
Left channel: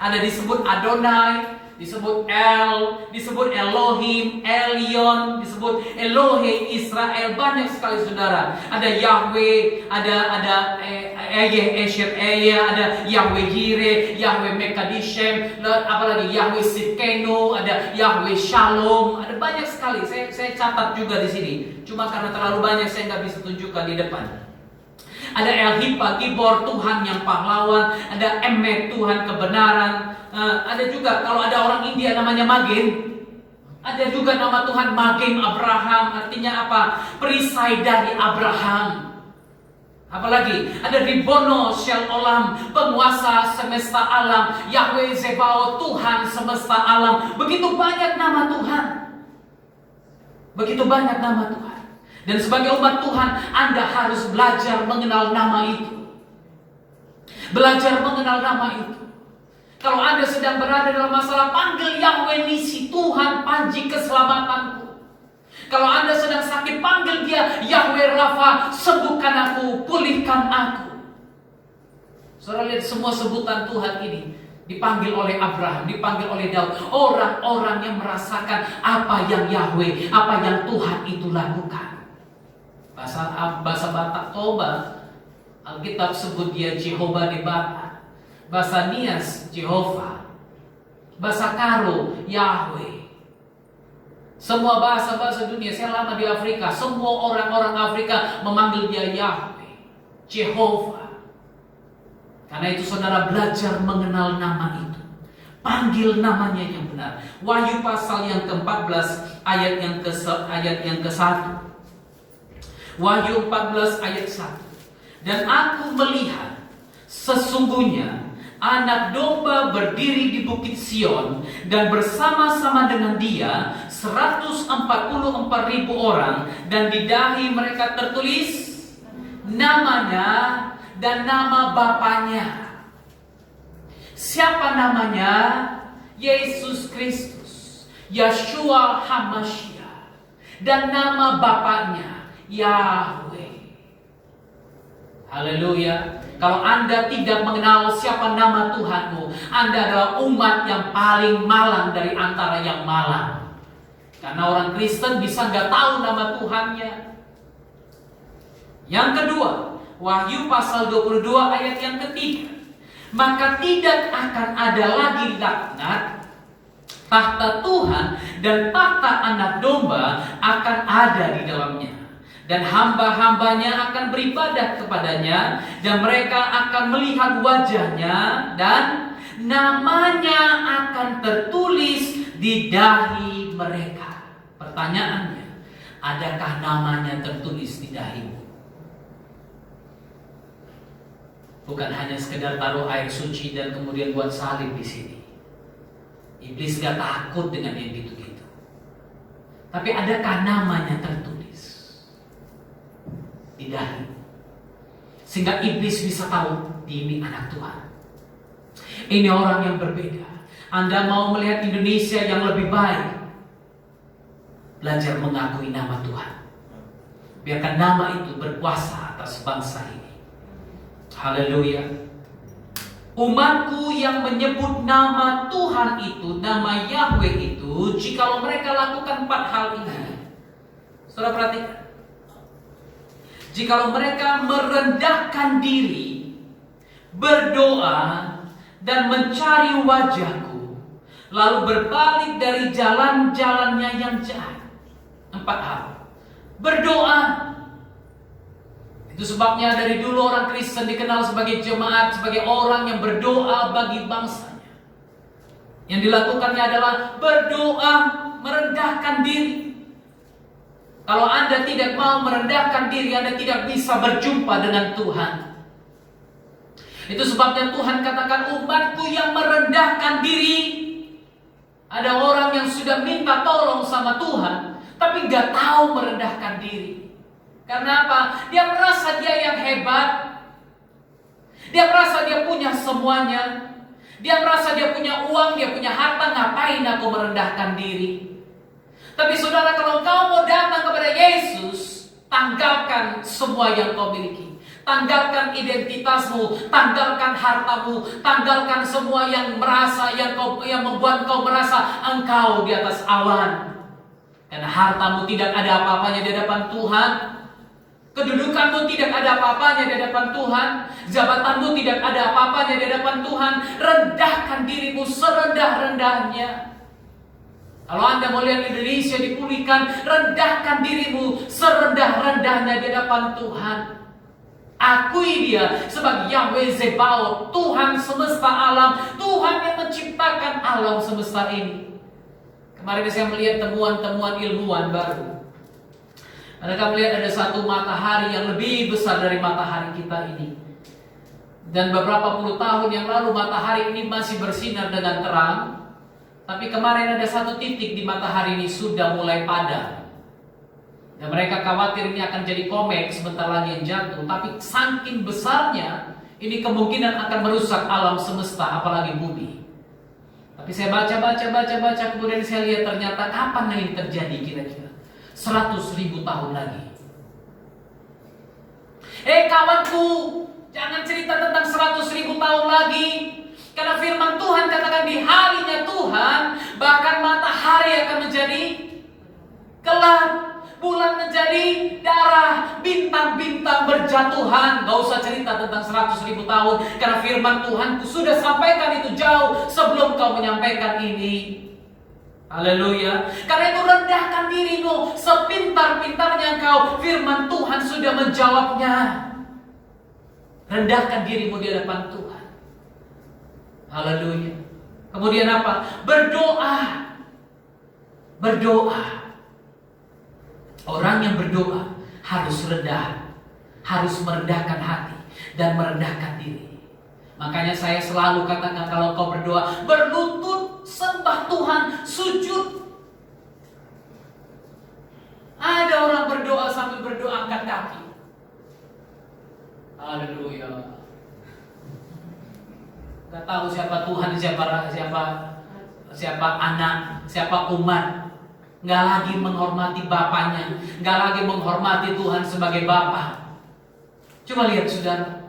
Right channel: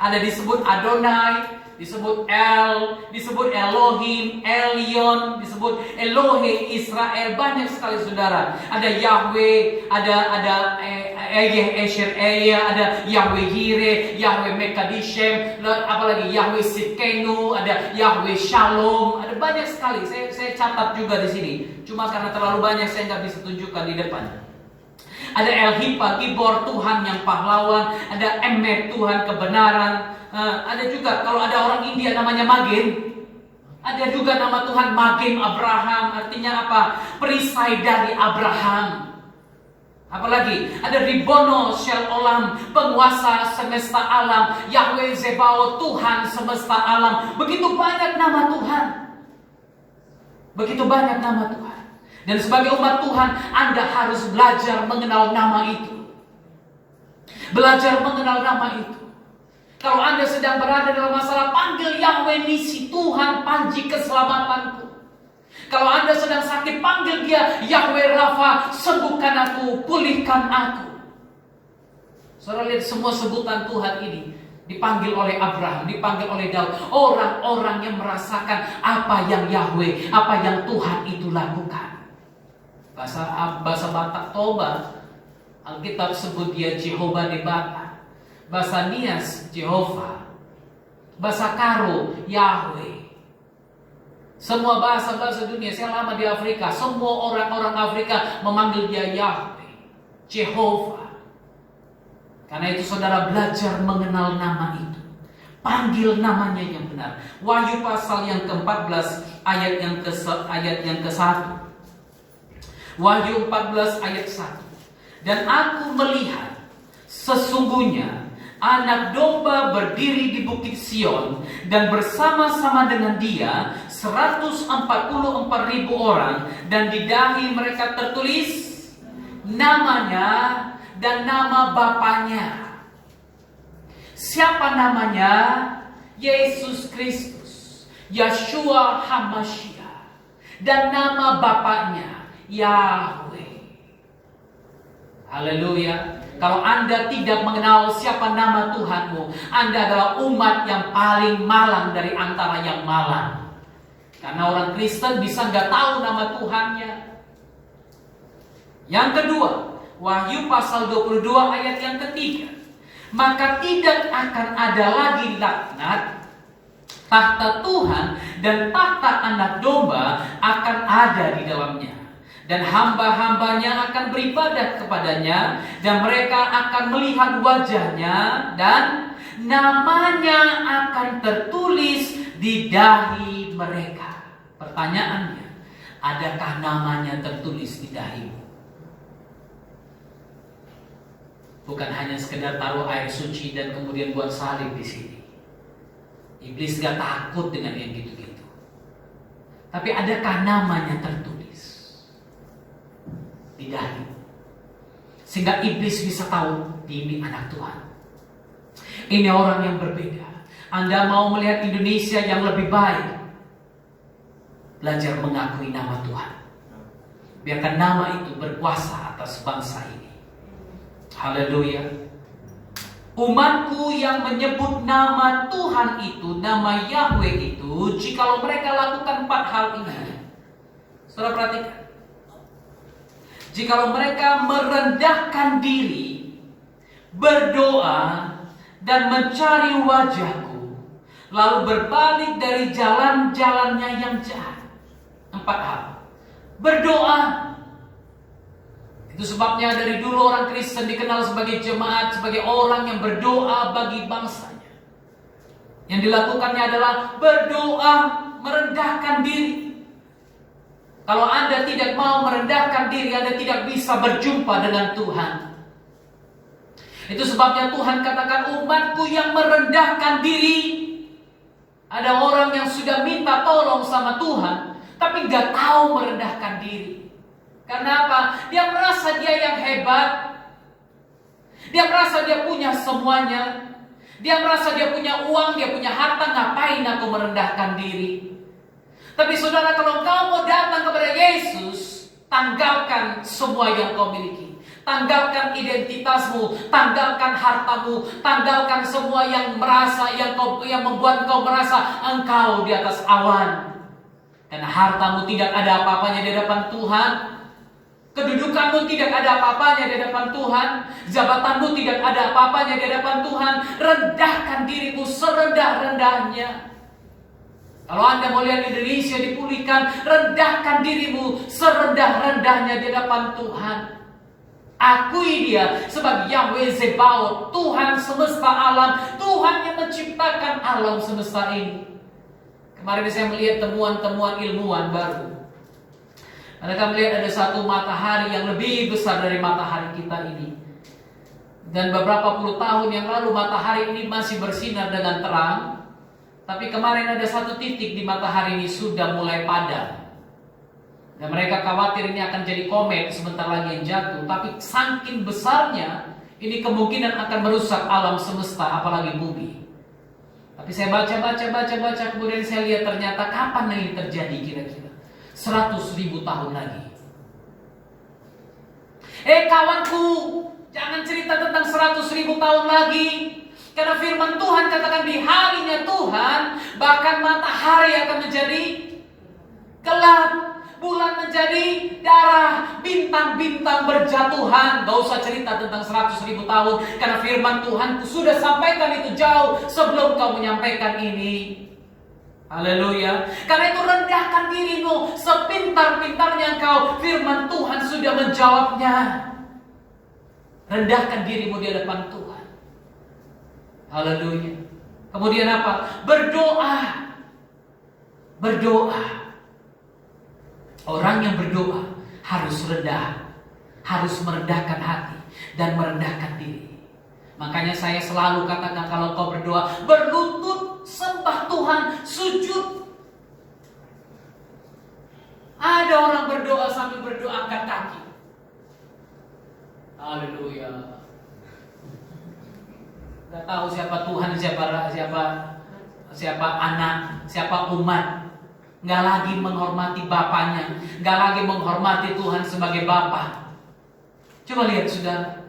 Ada disebut Adonai, disebut El, disebut Elohim, Elyon, disebut Elohe Israel. Banyak sekali saudara. Ada Yahweh, ada Esher, ada Yahweh Yireh, Yahweh Mekadishem, apalagi Yahweh Sikenu, ada Yahweh Shalom. Ada banyak sekali. Saya catat juga di sini. Cuma karena terlalu banyak saya nggak bisa tunjukkan di depan. Ada El Hipa, Gibor, Tuhan yang pahlawan. Ada Emet, Tuhan kebenaran. Ada juga kalau ada orang India namanya Magen. Ada juga nama Tuhan Magen Abraham. Artinya apa? Perisai dari Abraham. Apalagi ada Ribono Shel Olam, penguasa semesta alam. Yahweh Zebaoth, Tuhan semesta alam. Begitu banyak nama Tuhan. Begitu banyak nama Tuhan. Dan sebagai umat Tuhan, Anda harus belajar mengenal nama itu. Belajar mengenal nama itu. Kalau Anda sedang berada dalam masalah, panggil Yahweh Nisi, Tuhan panji keselamatanku. Kalau Anda sedang sakit, panggil Dia, Yahweh Rafa, sembuhkan aku, pulihkan aku. Saudara lihat semua sebutan Tuhan ini dipanggil oleh Abraham, dipanggil oleh Daud. Orang-orang yang merasakan apa yang Yahweh, apa yang Tuhan itu lakukan. Bahasa Batak Toba, Alkitab sebut Dia Jehovah di Batak. Bahasa Nias, Jehovah. Bahasa Karo, Yahweh. Semua bahasa-bahasa dunia, saya lama di Afrika, semua orang-orang Afrika memanggil Dia Yahweh, Jehovah. Karena itu saudara belajar mengenal nama itu. Panggil namanya yang benar. Wahyu pasal yang ke-14 ayat yang ke-1. Wahyu 14 ayat 1. Dan aku melihat sesungguhnya Anak domba berdiri di bukit Sion dan bersama-sama dengan Dia 144.000 orang, dan di dahi mereka tertulis namanya dan nama Bapaknya. Siapa namanya? Yesus Kristus, Yeshua HaMashiach, dan nama Bapaknya Yahweh. Haleluya. Kalau Anda tidak mengenal siapa nama Tuhanmu, Anda adalah umat yang paling malang dari antara yang malang. Karena orang Kristen bisa nggak tahu nama Tuhannya. Yang kedua, Wahyu pasal 22 ayat yang ketiga. Maka tidak akan ada lagi laknat, tahta Tuhan dan tahta Anak Domba akan ada di dalamnya. Dan hamba-hambanya akan beribadah kepadanya, dan mereka akan melihat wajahnya, dan namanya akan tertulis di dahi mereka. Pertanyaannya, adakah namanya tertulis di dahimu? Bukan hanya sekedar taruh air suci dan kemudian buat salib di sini. Iblis gak takut dengan yang gitu-gitu. Tapi adakah namanya tertulis di dahi, sehingga iblis bisa tahu ini anak Tuhan, ini orang yang berbeda. Anda mau melihat Indonesia yang lebih baik, belajar mengakui nama Tuhan. Biarkan nama itu berkuasa atas bangsa ini. Haleluya. Umatku yang menyebut nama Tuhan itu, nama Yahweh itu, jikalau mereka lakukan 4 hal ini. Saudara perhatikan. Jikalau mereka merendahkan diri, berdoa, dan mencari wajahku, lalu berbalik dari jalan-jalannya yang jahat. 4 hal. Berdoa. Itu sebabnya dari dulu orang Kristen dikenal sebagai jemaat, sebagai orang yang berdoa bagi bangsanya. Yang dilakukannya adalah berdoa, merendahkan diri. Kalau Anda tidak mau merendahkan diri, Anda tidak bisa berjumpa dengan Tuhan. Itu sebabnya Tuhan katakan, umatku yang merendahkan diri. Ada orang yang sudah minta tolong sama Tuhan, tapi gak tahu merendahkan diri. Karena apa? Dia merasa dia yang hebat. Dia merasa dia punya semuanya. Dia merasa dia punya uang, dia punya harta. Ngapain aku merendahkan diri? Tapi saudara, kalau kau mau datang kepada Yesus, tanggalkan semua yang kau miliki. Tanggalkan identitasmu, tanggalkan hartamu, tanggalkan semua yang membuat kau merasa engkau di atas awan. Karena hartamu tidak ada apa-apanya di hadapan Tuhan. Kedudukanmu tidak ada apa-apanya di hadapan Tuhan. Jabatanmu tidak ada apa-apanya di hadapan Tuhan. Rendahkan dirimu serendah-rendahnya. Kalau Anda mau lihat Indonesia dipulihkan, rendahkan dirimu serendah-rendahnya di hadapan Tuhan. Akui Dia sebagai Yahweh Zebaoth, Tuhan semesta alam, Tuhan yang menciptakan alam semesta ini. Kemarin saya melihat temuan-temuan ilmuwan baru. Mereka melihat ada satu matahari yang lebih besar dari matahari kita ini. Dan beberapa puluh tahun yang lalu matahari ini masih bersinar dengan terang. Tapi kemarin ada satu titik di matahari ini sudah mulai padam. Dan mereka khawatir ini akan jadi komet sebentar lagi yang jatuh. Tapi saking besarnya, ini kemungkinan akan merusak alam semesta, apalagi bumi. Tapi saya baca, kemudian saya lihat ternyata kapan ini terjadi kira-kira? 100.000 tahun lagi. Kawanku, jangan cerita tentang 100.000 tahun lagi. Karena firman Tuhan katakan di harinya Tuhan, bahkan matahari akan menjadi gelap, bulan menjadi darah, bintang-bintang berjatuhan. Gak usah cerita tentang 100.000 tahun, karena firman Tuhanku sudah sampaikan itu jauh sebelum kau menyampaikan ini. Haleluya. Karena itu rendahkan dirimu, sepintar-pintarnya engkau, firman Tuhan sudah menjawabnya. Rendahkan dirimu di hadapan Tuhan. Haleluya. Kemudian apa? Berdoa. Berdoa. Orang yang berdoa harus rendah, harus merendahkan hati dan merendahkan diri. Makanya saya selalu katakan, kalau kau berdoa, berlutut, sembah Tuhan, sujud. Ada orang berdoa sambil berdoa angkat kaki. Haleluya. Gak tahu siapa Tuhan, siapa anak, siapa umat. Gak lagi menghormati bapaknya, gak lagi menghormati Tuhan sebagai bapa. Coba lihat saudara.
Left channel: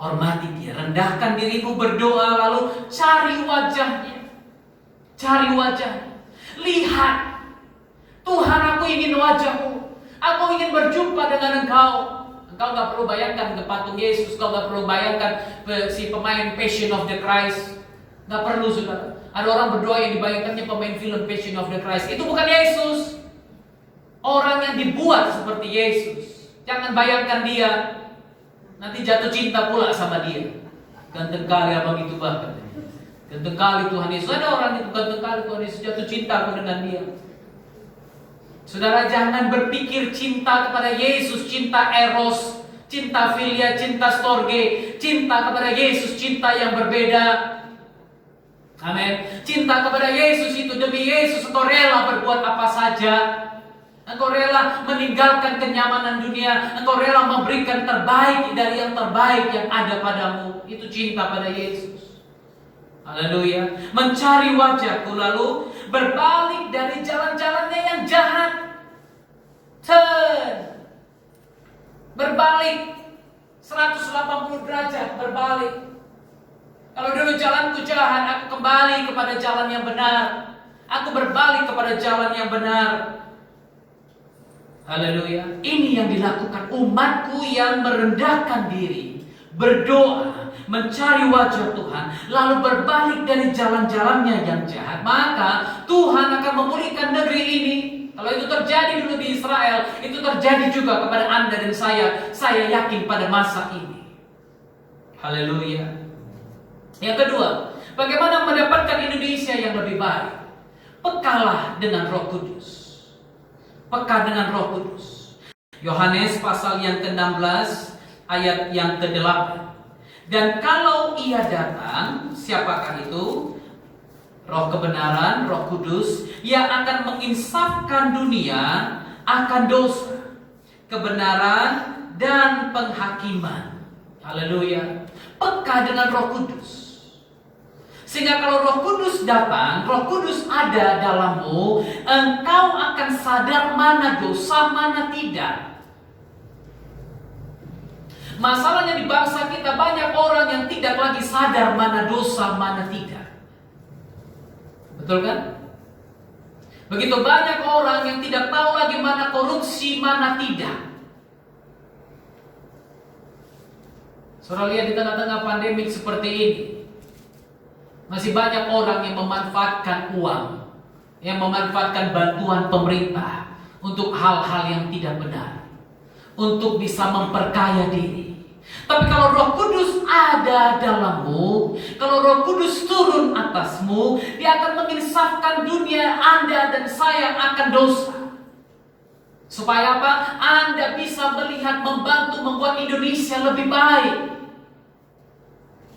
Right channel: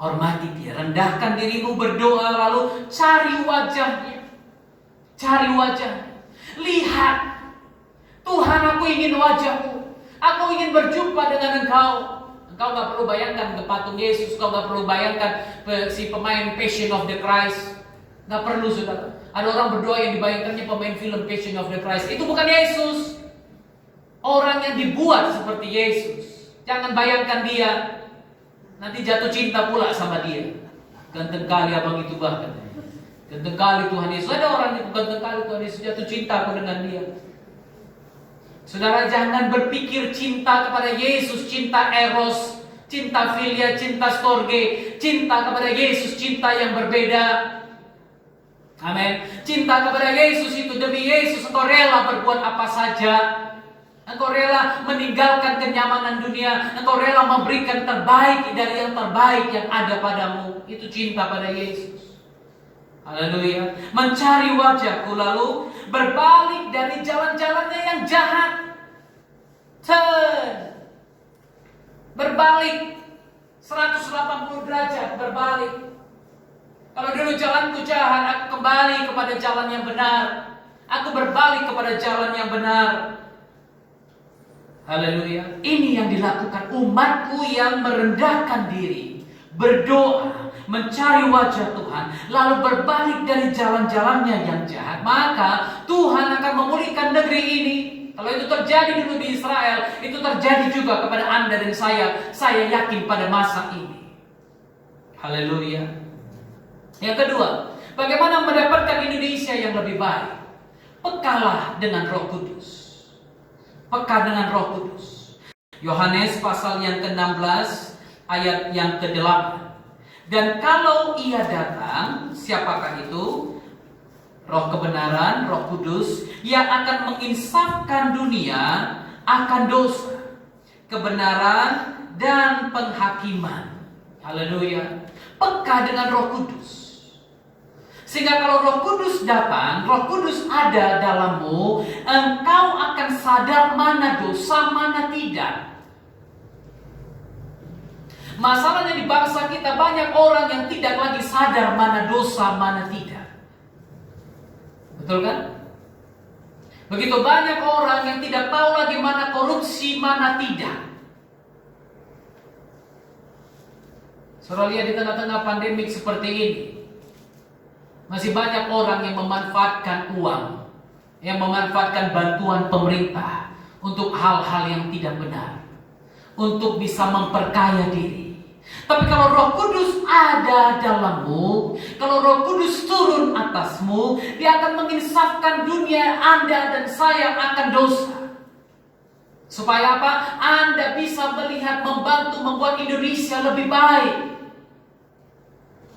Hormati dia, rendahkan dirimu, berdoa, lalu cari wajahnya. Cari wajahnya. Lihat, Tuhan, aku ingin wajahmu. Aku ingin berjumpa dengan engkau. Engkau gak perlu bayangkan ke patung Yesus. Kau gak perlu bayangkan si pemain Passion of the Christ. Gak perlu, saudara. Ada orang berdoa yang dibayangkannya pemain film Passion of the Christ. Itu bukan Yesus. Orang yang dibuat seperti Yesus. Jangan bayangkan dia, nanti jatuh cinta pula sama dia. Ganteng kali abang itu bahkan. Ganteng kali Tuhan Yesus. Ada orang yang ganteng kali Tuhan Yesus, jatuh cinta pun dengan dia. Saudara, jangan berpikir cinta kepada Yesus, cinta eros, cinta filia, cinta storge. Cinta kepada Yesus, cinta yang berbeda. Amin. Cinta kepada Yesus itu, demi Yesus engkau rela berbuat apa saja. Engkau rela meninggalkan kenyamanan dunia. Engkau rela memberikan terbaik dari yang terbaik yang ada padamu. Itu cinta pada Yesus. Haleluya. Mencari wajahku, lalu berbalik dari jalan-jalannya yang jahat. Turn. Berbalik 180 derajat, berbalik. Kalau dulu jalanku jahat, aku kembali kepada jalan yang benar. Aku berbalik kepada jalan yang benar. Haleluya. Ini yang dilakukan umatku yang merendahkan diri, berdoa, mencari wajah Tuhan, lalu berbalik dari jalan-jalannya yang jahat. Maka Tuhan akan memulihkan negeri ini. Kalau itu terjadi dulu di Israel, itu terjadi juga kepada Anda dan saya. Saya yakin pada masa ini. Haleluya. Yang kedua, bagaimana mendapatkan Indonesia yang lebih baik? Pekalah dengan Roh Kudus. Peka dengan Roh Kudus. Yohanes pasal yang ke-16 ayat yang ke-8. Dan kalau ia datang, siapakah itu? Roh kebenaran, Roh Kudus, yang akan menginsafkan dunia akan dosa, kebenaran, dan penghakiman. Haleluya. Peka dengan Roh Kudus. Sehingga kalau Roh Kudus datang, Roh Kudus ada dalammu, engkau akan sadar mana dosa, mana tidak. Masalahnya di bangsa kita banyak orang yang tidak lagi sadar mana dosa, mana tidak. Betul kan? Begitu banyak orang yang tidak tahu lagi mana korupsi, mana tidak. Saudara lihat di tengah-tengah pandemik seperti ini, masih banyak orang yang memanfaatkan uang, yang memanfaatkan bantuan pemerintah untuk hal-hal yang tidak benar, untuk bisa memperkaya diri. Tapi kalau Roh Kudus ada dalammu, kalau Roh Kudus turun atasmu, dia akan menginsafkan dunia Anda dan saya akan dosa. Supaya apa? Anda bisa melihat, membantu membuat Indonesia lebih baik.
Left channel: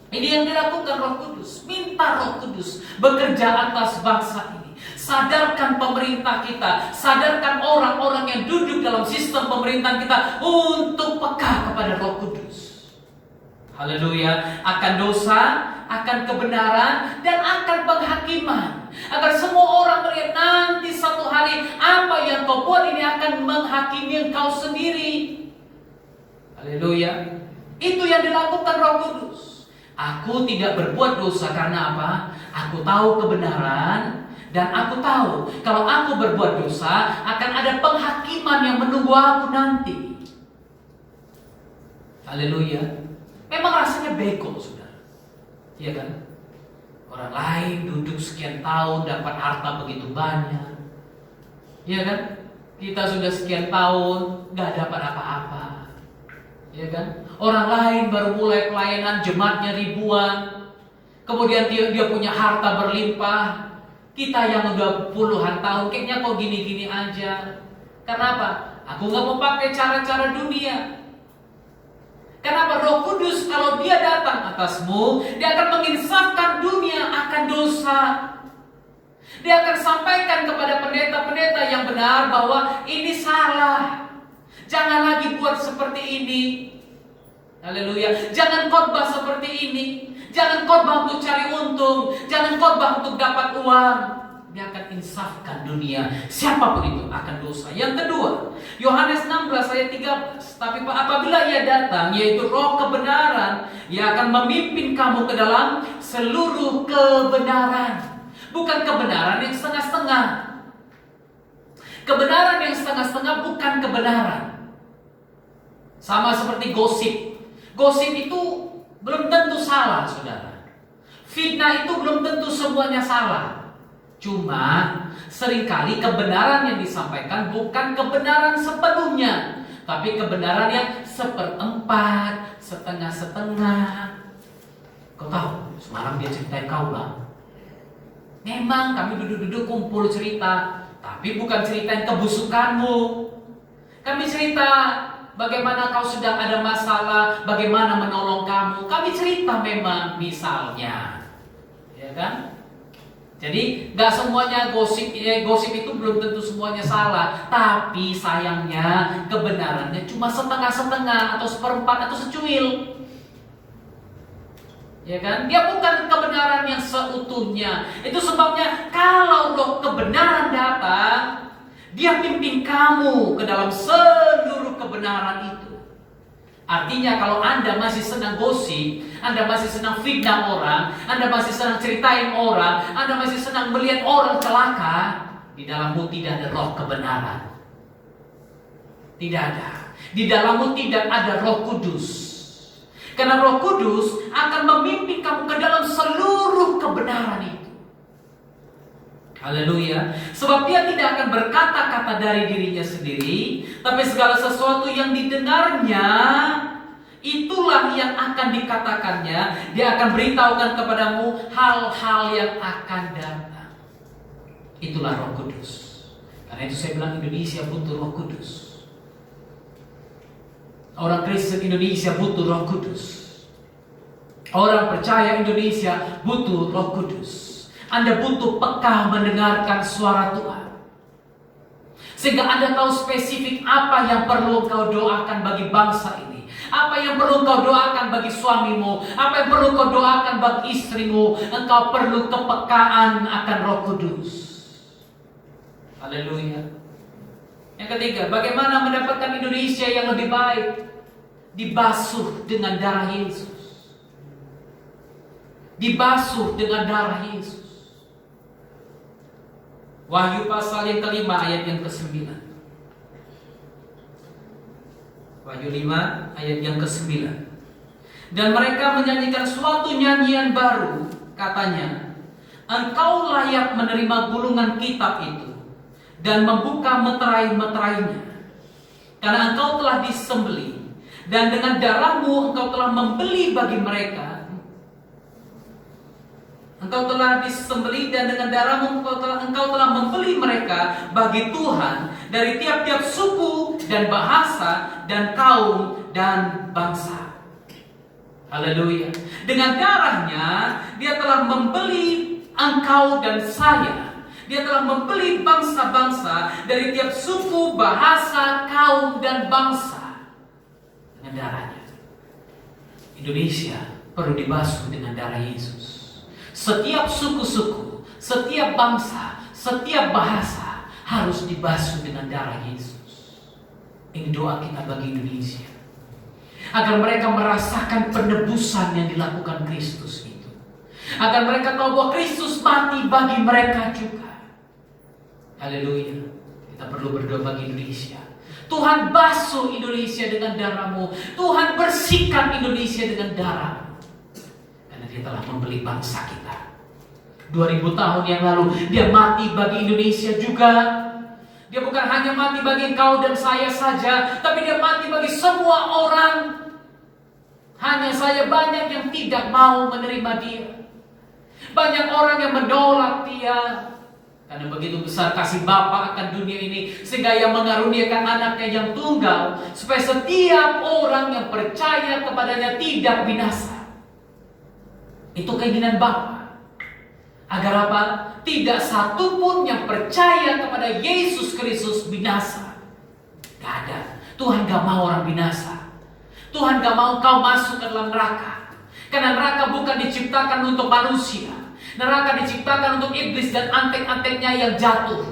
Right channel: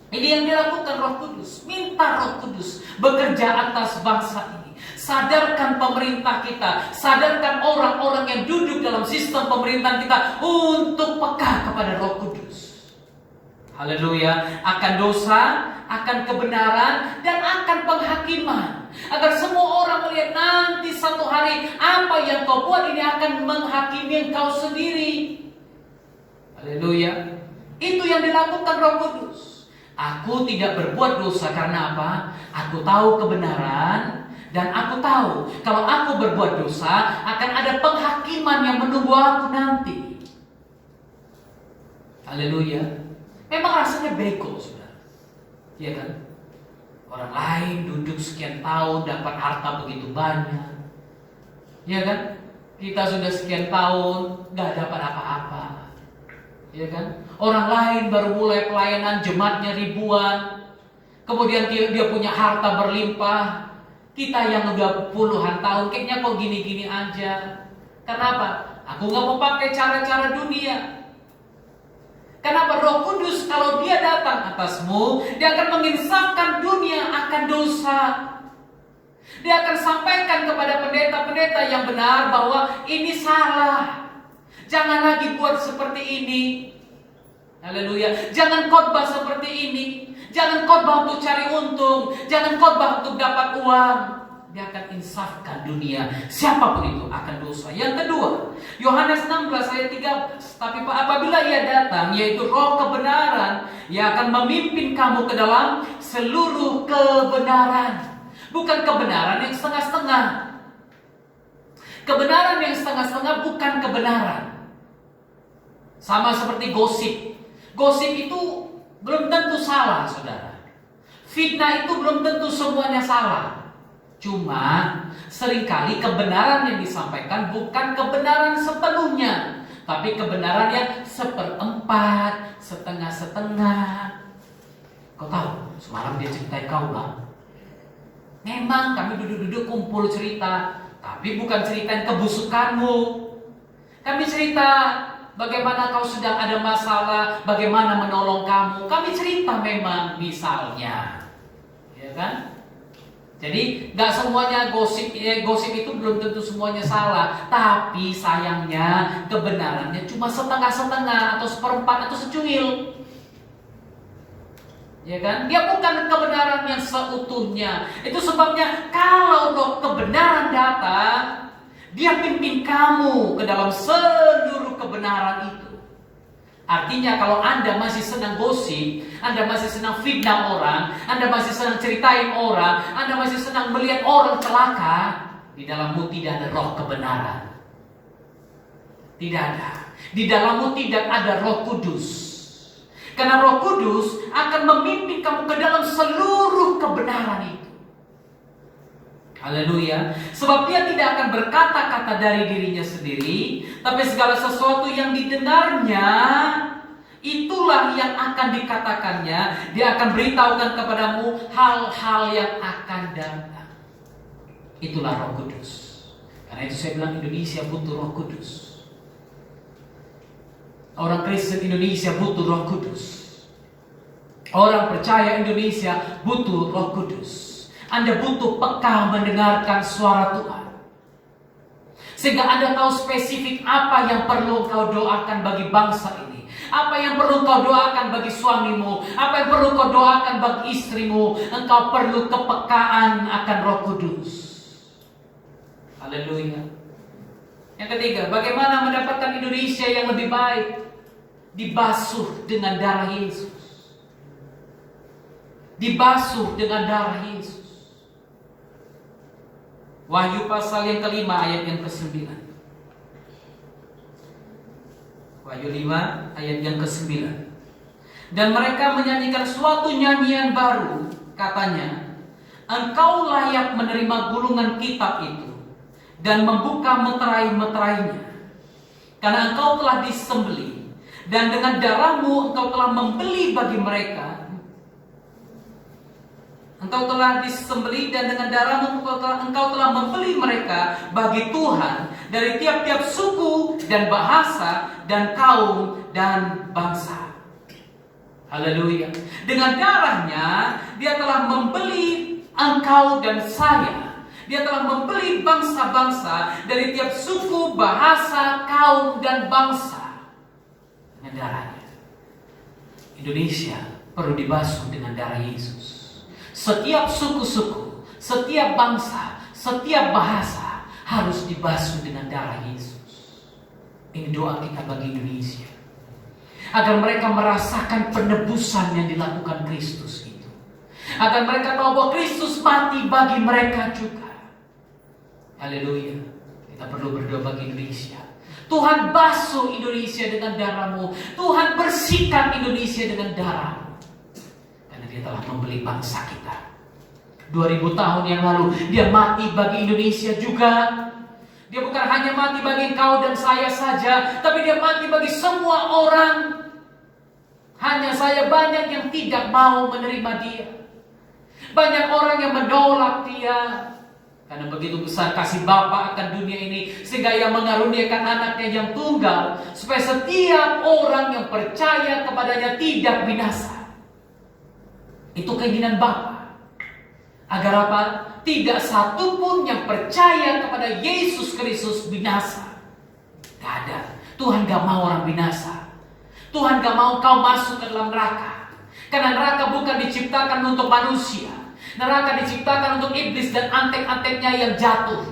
Ini yang dilakukan Roh Kudus. Minta Roh Kudus bekerja atas bangsa ini. Sadarkan pemerintah kita, sadarkan orang-orang yang duduk dalam sistem pemerintahan kita untuk peka kepada Roh Kudus. Haleluya, akan dosa, akan kebenaran, dan akan penghakiman. Agar semua orang melihat nanti satu hari apa yang kau buat ini akan menghakimi engkau sendiri. Haleluya. Itu yang dilakukan Roh Kudus. Aku tidak berbuat dosa karena apa? Aku tahu kebenaran, dan aku tahu kalau aku berbuat dosa akan ada penghakiman yang menunggu aku nanti. Haleluya. Memang rasanya bego, saudara. Iya kan? Orang lain duduk sekian tahun dapat harta begitu banyak. Iya kan? Kita sudah sekian tahun gak dapat apa-apa. Iya kan? Orang lain baru mulai pelayanan, jemaatnya ribuan. Kemudian dia punya harta berlimpah. Kita yang udah puluhan tahun kayaknya kok gini-gini aja. Kenapa? Aku gak mau pakai cara-cara dunia. Kenapa? Roh Kudus kalau dia datang atasmu, dia akan menginsafkan dunia akan dosa. Dia akan sampaikan kepada pendeta-pendeta yang benar bahwa ini salah. Jangan lagi buat seperti ini. Haleluya. Jangan khotbah seperti ini. Jangan khotbah untuk cari untung. Jangan khotbah untuk dapat uang. Dia akan insafkan dunia. Siapapun itu akan dosa. Yang kedua, Yohanes 16 ayat 13. Tapi apabila ia datang, yaitu Roh kebenaran, ia akan memimpin kamu ke dalam seluruh kebenaran. Bukan kebenaran yang setengah-setengah. Kebenaran yang setengah-setengah bukan kebenaran. Sama seperti gosip. Gosip itu belum tentu salah, saudara. Fitnah itu belum tentu semuanya salah. Cuma seringkali kebenaran yang disampaikan bukan kebenaran sepenuhnya, tapi kebenaran yang seperempat, setengah-setengah. Kau tahu, semalam dia ceritain kau bang. Memang kami duduk-duduk kumpul cerita, tapi bukan ceritain kebusukanmu. Kami cerita bagaimana kau sedang ada masalah, bagaimana menolong kamu. Kami cerita memang misalnya, ya kan? Jadi gak semuanya gosip itu belum tentu semuanya salah. Tapi sayangnya kebenarannya cuma setengah-setengah atau seperempat atau secuil. Ya kan? Dia bukan kebenaran yang seutuhnya. Itu sebabnya kalau Roh kebenaran datang, dia pimpin kamu ke dalam seluruh kebenaran itu. Artinya kalau Anda masih senang gosip, Anda masih senang fitnah orang, Anda masih senang ceritain orang, Anda masih senang melihat orang celaka, di dalammu tidak ada Roh kebenaran. Tidak ada. Di dalammu tidak ada Roh Kudus. Karena Roh Kudus akan memimpin kamu ke dalam seluruh kebenaran itu. Haleluya. Sebab dia tidak akan berkata-kata dari dirinya sendiri, tapi segala sesuatu yang didengarnya, itulah yang akan dikatakannya. Dia akan beritahukan kepadamu hal-hal yang akan datang. Itulah Roh Kudus. Karena itu saya bilang Indonesia butuh Roh Kudus. Orang Kristen Indonesia butuh Roh Kudus. Orang percaya Indonesia butuh Roh Kudus. Anda butuh peka mendengarkan suara Tuhan, sehingga Anda tahu spesifik apa yang perlu kau doakan bagi bangsa ini, apa yang perlu kau doakan bagi suamimu, apa yang perlu kau doakan bagi istrimu. Engkau perlu kepekaan akan Roh Kudus. Haleluya. Yang ketiga, bagaimana mendapatkan Indonesia yang lebih baik? Dibasuh dengan darah Yesus. Dibasuh dengan darah Yesus. Wahyu pasal yang kelima ayat yang ke-9. Wahyu 5 ayat yang ke-9. Dan mereka menyanyikan suatu nyanyian baru, katanya, engkau layak menerima gulungan kitab itu dan membuka meterai-meterainya, karena engkau telah disembelih, dan dengan darahmu engkau telah membeli bagi mereka. Engkau telah disembelih dan dengan darahmu engkau telah membeli mereka bagi Tuhan dari tiap-tiap suku dan bahasa dan kaum dan bangsa. Haleluya. Dengan darahnya dia telah membeli engkau dan saya Dia telah membeli bangsa-bangsa dari tiap suku, bahasa, kaum, dan bangsa dengan darahnya. Indonesia perlu dibasuh dengan darah Yesus. Setiap suku-suku, setiap bangsa, setiap bahasa harus dibasuh dengan darah Yesus. Ini doa kita bagi Indonesia, agar mereka merasakan penebusan yang dilakukan Kristus itu. Agar mereka tahu bahwa Kristus mati bagi mereka juga. Haleluya. Kita perlu berdoa bagi Indonesia. Tuhan basuh Indonesia dengan darah-Mu. Tuhan bersihkan Indonesia dengan darah-Mu. Karena Dia telah membeli bangsa kita. 2000 tahun yang lalu Dia mati bagi Indonesia juga. Dia bukan hanya mati bagi engkau dan saya saja, tapi Dia mati bagi semua orang. Hanya saya banyak yang tidak mau menerima Dia. Banyak orang yang menolak Dia. Karena begitu besar kasih Bapa akan dunia ini, sehingga Ia mengaruniakan anaknya yang tunggal, supaya setiap orang yang percaya kepadanya tidak binasa. Itu keinginan Bapa. Agar apa? Tidak satu pun yang percaya kepada Yesus Kristus binasa. Gak ada. Tuhan gak mau orang binasa. Tuhan gak mau kau masuk ke dalam neraka. Karena neraka bukan diciptakan untuk manusia. Neraka diciptakan untuk iblis dan antek-anteknya yang jatuh.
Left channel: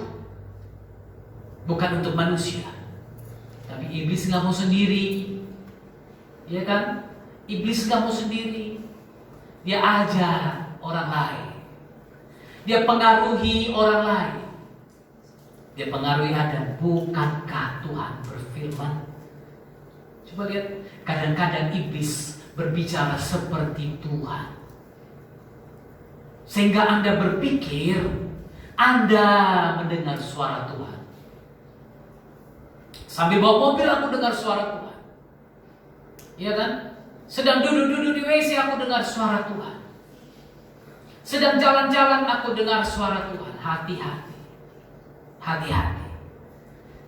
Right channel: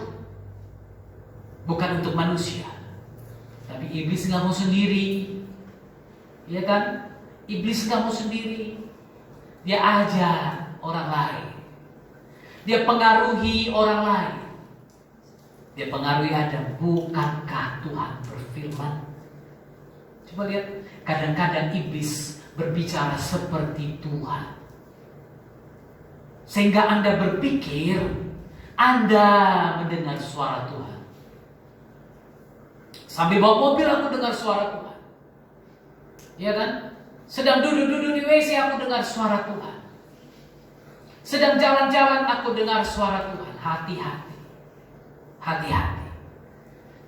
Bukan untuk manusia. Tapi iblis gak mau sendiri. Iya kan? Iblis gak mau sendiri. Dia ajar orang lain. Dia pengaruhi orang lain. Dia pengaruhi Adam. Bukankah Tuhan berfirman? Coba lihat. Kadang-kadang iblis berbicara seperti Tuhan. Sehingga Anda berpikir Anda mendengar suara Tuhan. Sambil bawa mobil aku dengar suara Tuhan. Iya kan? Sedang duduk-duduk di WC aku dengar suara Tuhan. Sedang jalan-jalan aku dengar suara Tuhan. Hati-hati. Hati-hati.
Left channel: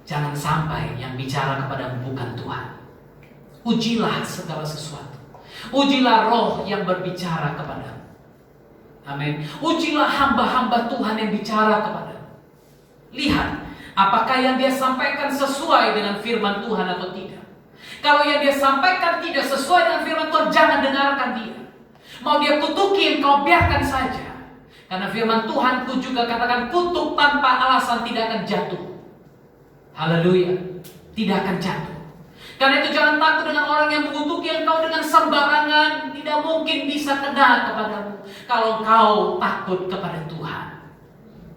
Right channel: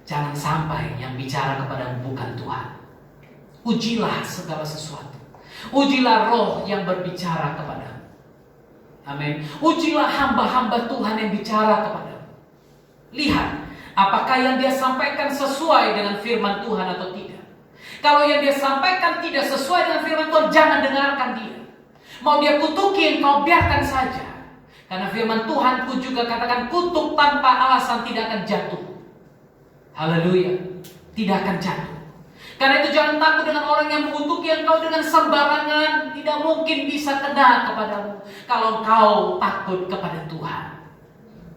Jangan sampai yang bicara kepadamu bukan Tuhan. Ujilah segala sesuatu. Ujilah roh yang berbicara kepadamu. Amin. Ujilah hamba-hamba Tuhan yang bicara kepadamu. Lihat, apakah yang dia sampaikan sesuai dengan firman Tuhan atau tidak. Kalau yang dia sampaikan tidak sesuai dengan firman Tuhan, jangan dengarkan dia. Mau dia kutukin, kau biarkan saja. Karena firman Tuhan pun juga katakan, kutuk tanpa alasan tidak akan jatuh. Haleluya. Tidak akan jatuh. Karena itu jangan takut dengan orang yang mengutuki engkau dengan sembarangan. Tidak mungkin bisa kena kepadamu. Kalau engkau takut kepada Tuhan.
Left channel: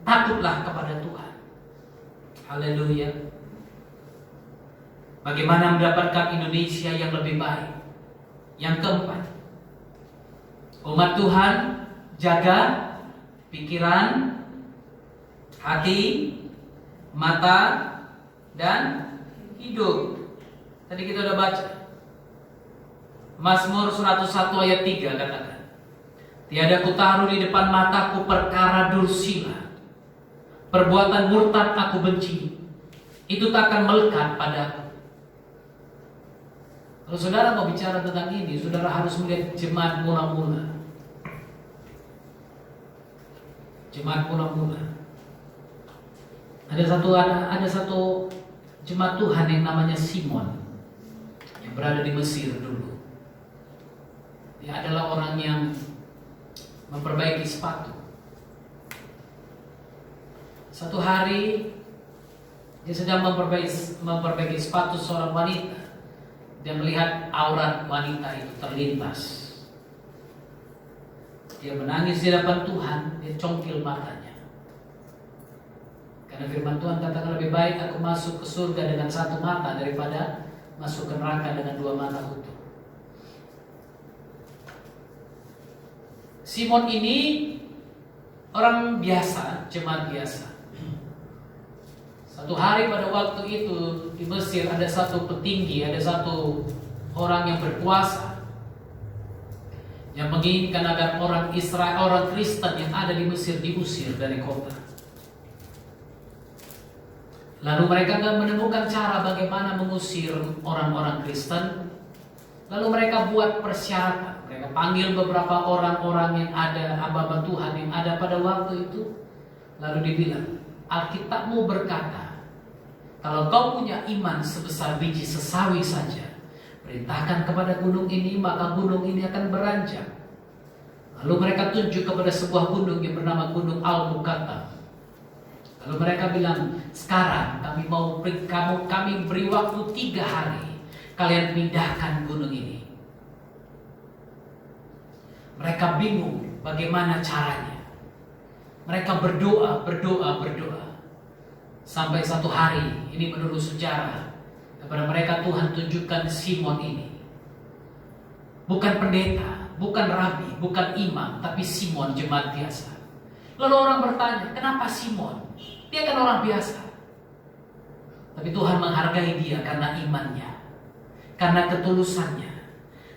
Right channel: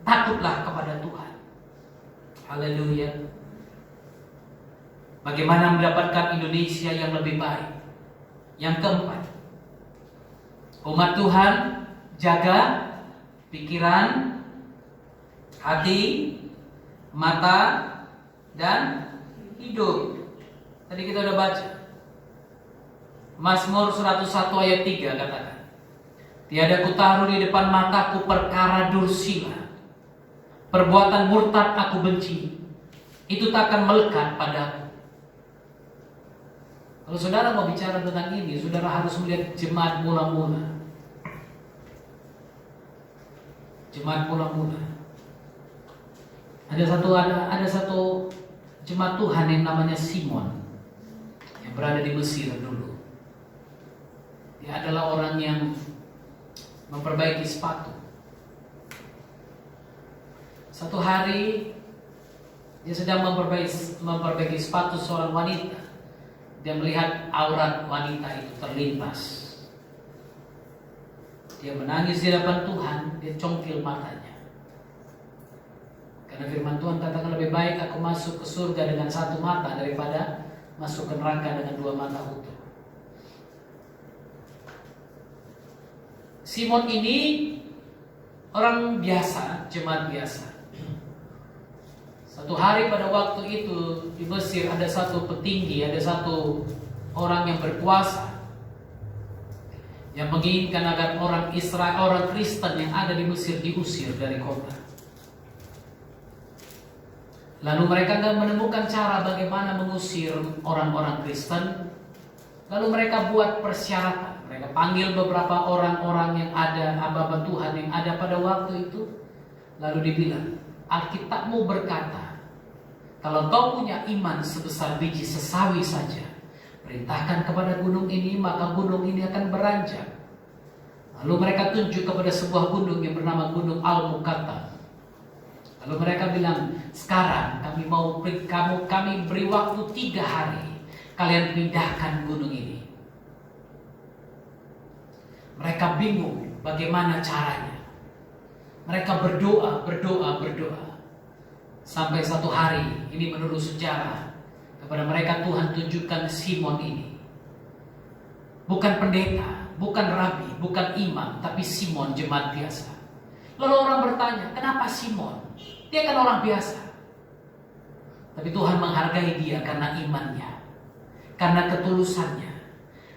Takutlah kepada Tuhan. Haleluya. Bagaimana mendapatkan Indonesia yang lebih baik? Yang keempat, umat Tuhan jaga pikiran, hati, mata, dan hidup. Tadi kita udah baca Mazmur 101 ayat 3 katakan, tiada kutaruh di depan mataku perkara dursila, perbuatan murtad aku benci, itu tak akan melekat padaku. Kalau saudara mau bicara tentang ini, saudara harus melihat jemaat mula-mula. Jemaat mula-mula. Ada satu jemaat Tuhan yang namanya Simon, yang berada di Mesir dulu. Dia adalah orang yang memperbaiki sepatu. Satu hari dia sedang memperbaiki sepatu seorang wanita. Dia melihat aurat wanita itu terlintas. Dia menangis di hadapan Tuhan. Dia congkil matanya. Karena firman Tuhan katakan, lebih baik aku masuk ke surga dengan satu mata daripada masuk ke neraka dengan dua mata utuh. Simon ini orang biasa, jemaat biasa. Satu hari pada waktu itu di Mesir ada satu petinggi, ada satu orang yang berkuasa yang menginginkan agar orang Israel, orang Kristen yang ada di Mesir diusir dari kota. Lalu mereka menemukan cara bagaimana mengusir orang-orang Kristen. Lalu mereka buat persyaratan. Mereka panggil beberapa orang-orang yang ada, hamba Tuhan yang ada pada waktu itu. Lalu dibilang, Alkitabmu berkata, kalau kau punya iman sebesar biji sesawi saja, perintahkan kepada gunung ini, maka gunung ini akan beranjak. Lalu mereka tunjuk kepada sebuah gunung yang bernama Gunung Al-Mukata. Lalu mereka bilang, sekarang kami beri waktu 3 hari, kalian pindahkan gunung ini. Mereka bingung bagaimana caranya. Mereka berdoa. Sampai satu hari, ini menurut sejarah, kepada mereka Tuhan tunjukkan Simon ini. Bukan pendeta, bukan rabi, bukan imam, tapi Simon, jemaat biasa. Lalu orang bertanya, kenapa Simon? Dia kan orang biasa. Tapi Tuhan menghargai dia karena imannya, karena ketulusannya.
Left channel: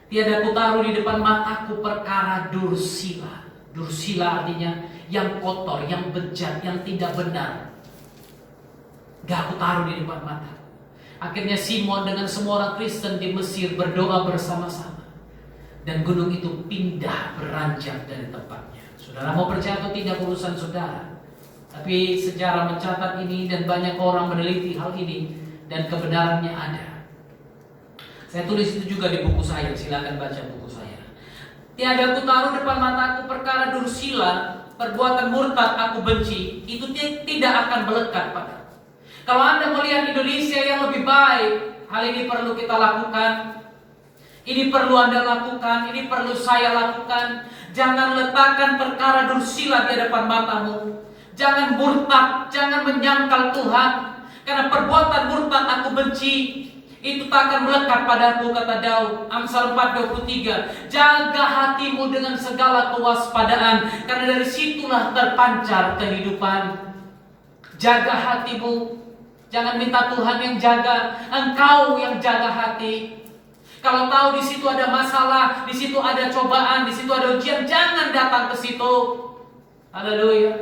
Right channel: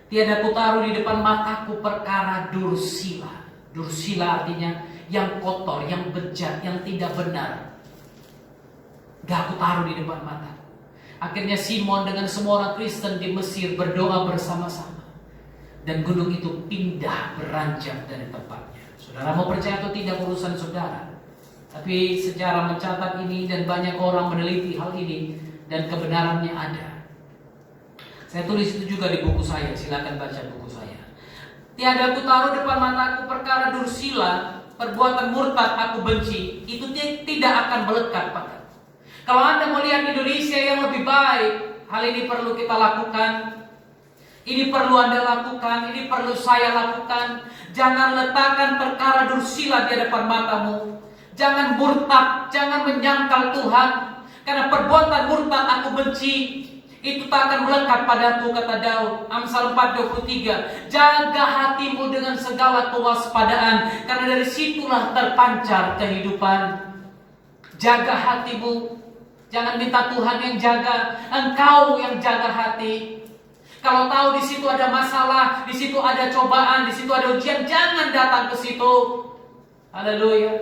Tiada kutaruh di depan mataku perkara dursila. Dursila artinya yang kotor, yang bejat, yang tidak benar. Gak aku taruh di depan mataku. Akhirnya Simon dengan semua orang Kristen di Mesir berdoa bersama-sama. Dan gunung itu pindah, beranjak dari tempatnya. Saudara mau percaya atau tidak urusan saudara. Tapi sejarah mencatat ini dan banyak orang meneliti hal ini. Dan kebenarannya ada. Saya tulis itu juga di buku saya, silakan baca buku saya. Tiada aku taruh depan mataku perkara dursila, perbuatan murtad aku benci, itu tidak akan melekat padaku. Kalau Anda melihat Indonesia yang lebih baik, hal ini perlu kita lakukan. Ini perlu Anda lakukan, ini perlu saya lakukan. Jangan letakkan perkara dursila di depan matamu. Jangan murtad, jangan menyangkal Tuhan. Karena perbuatan murtad aku benci. Itu tak akan melekat padaku, kata Daud. Amsal 4:23. Jaga hatimu dengan segala kewaspadaan, karena dari situlah terpancar kehidupan. Jaga hatimu. Jangan minta Tuhan yang jaga, engkau yang jaga hati. Kalau tahu di situ ada masalah, di situ ada cobaan, di situ ada ujian, jangan datang ke situ. Haleluya.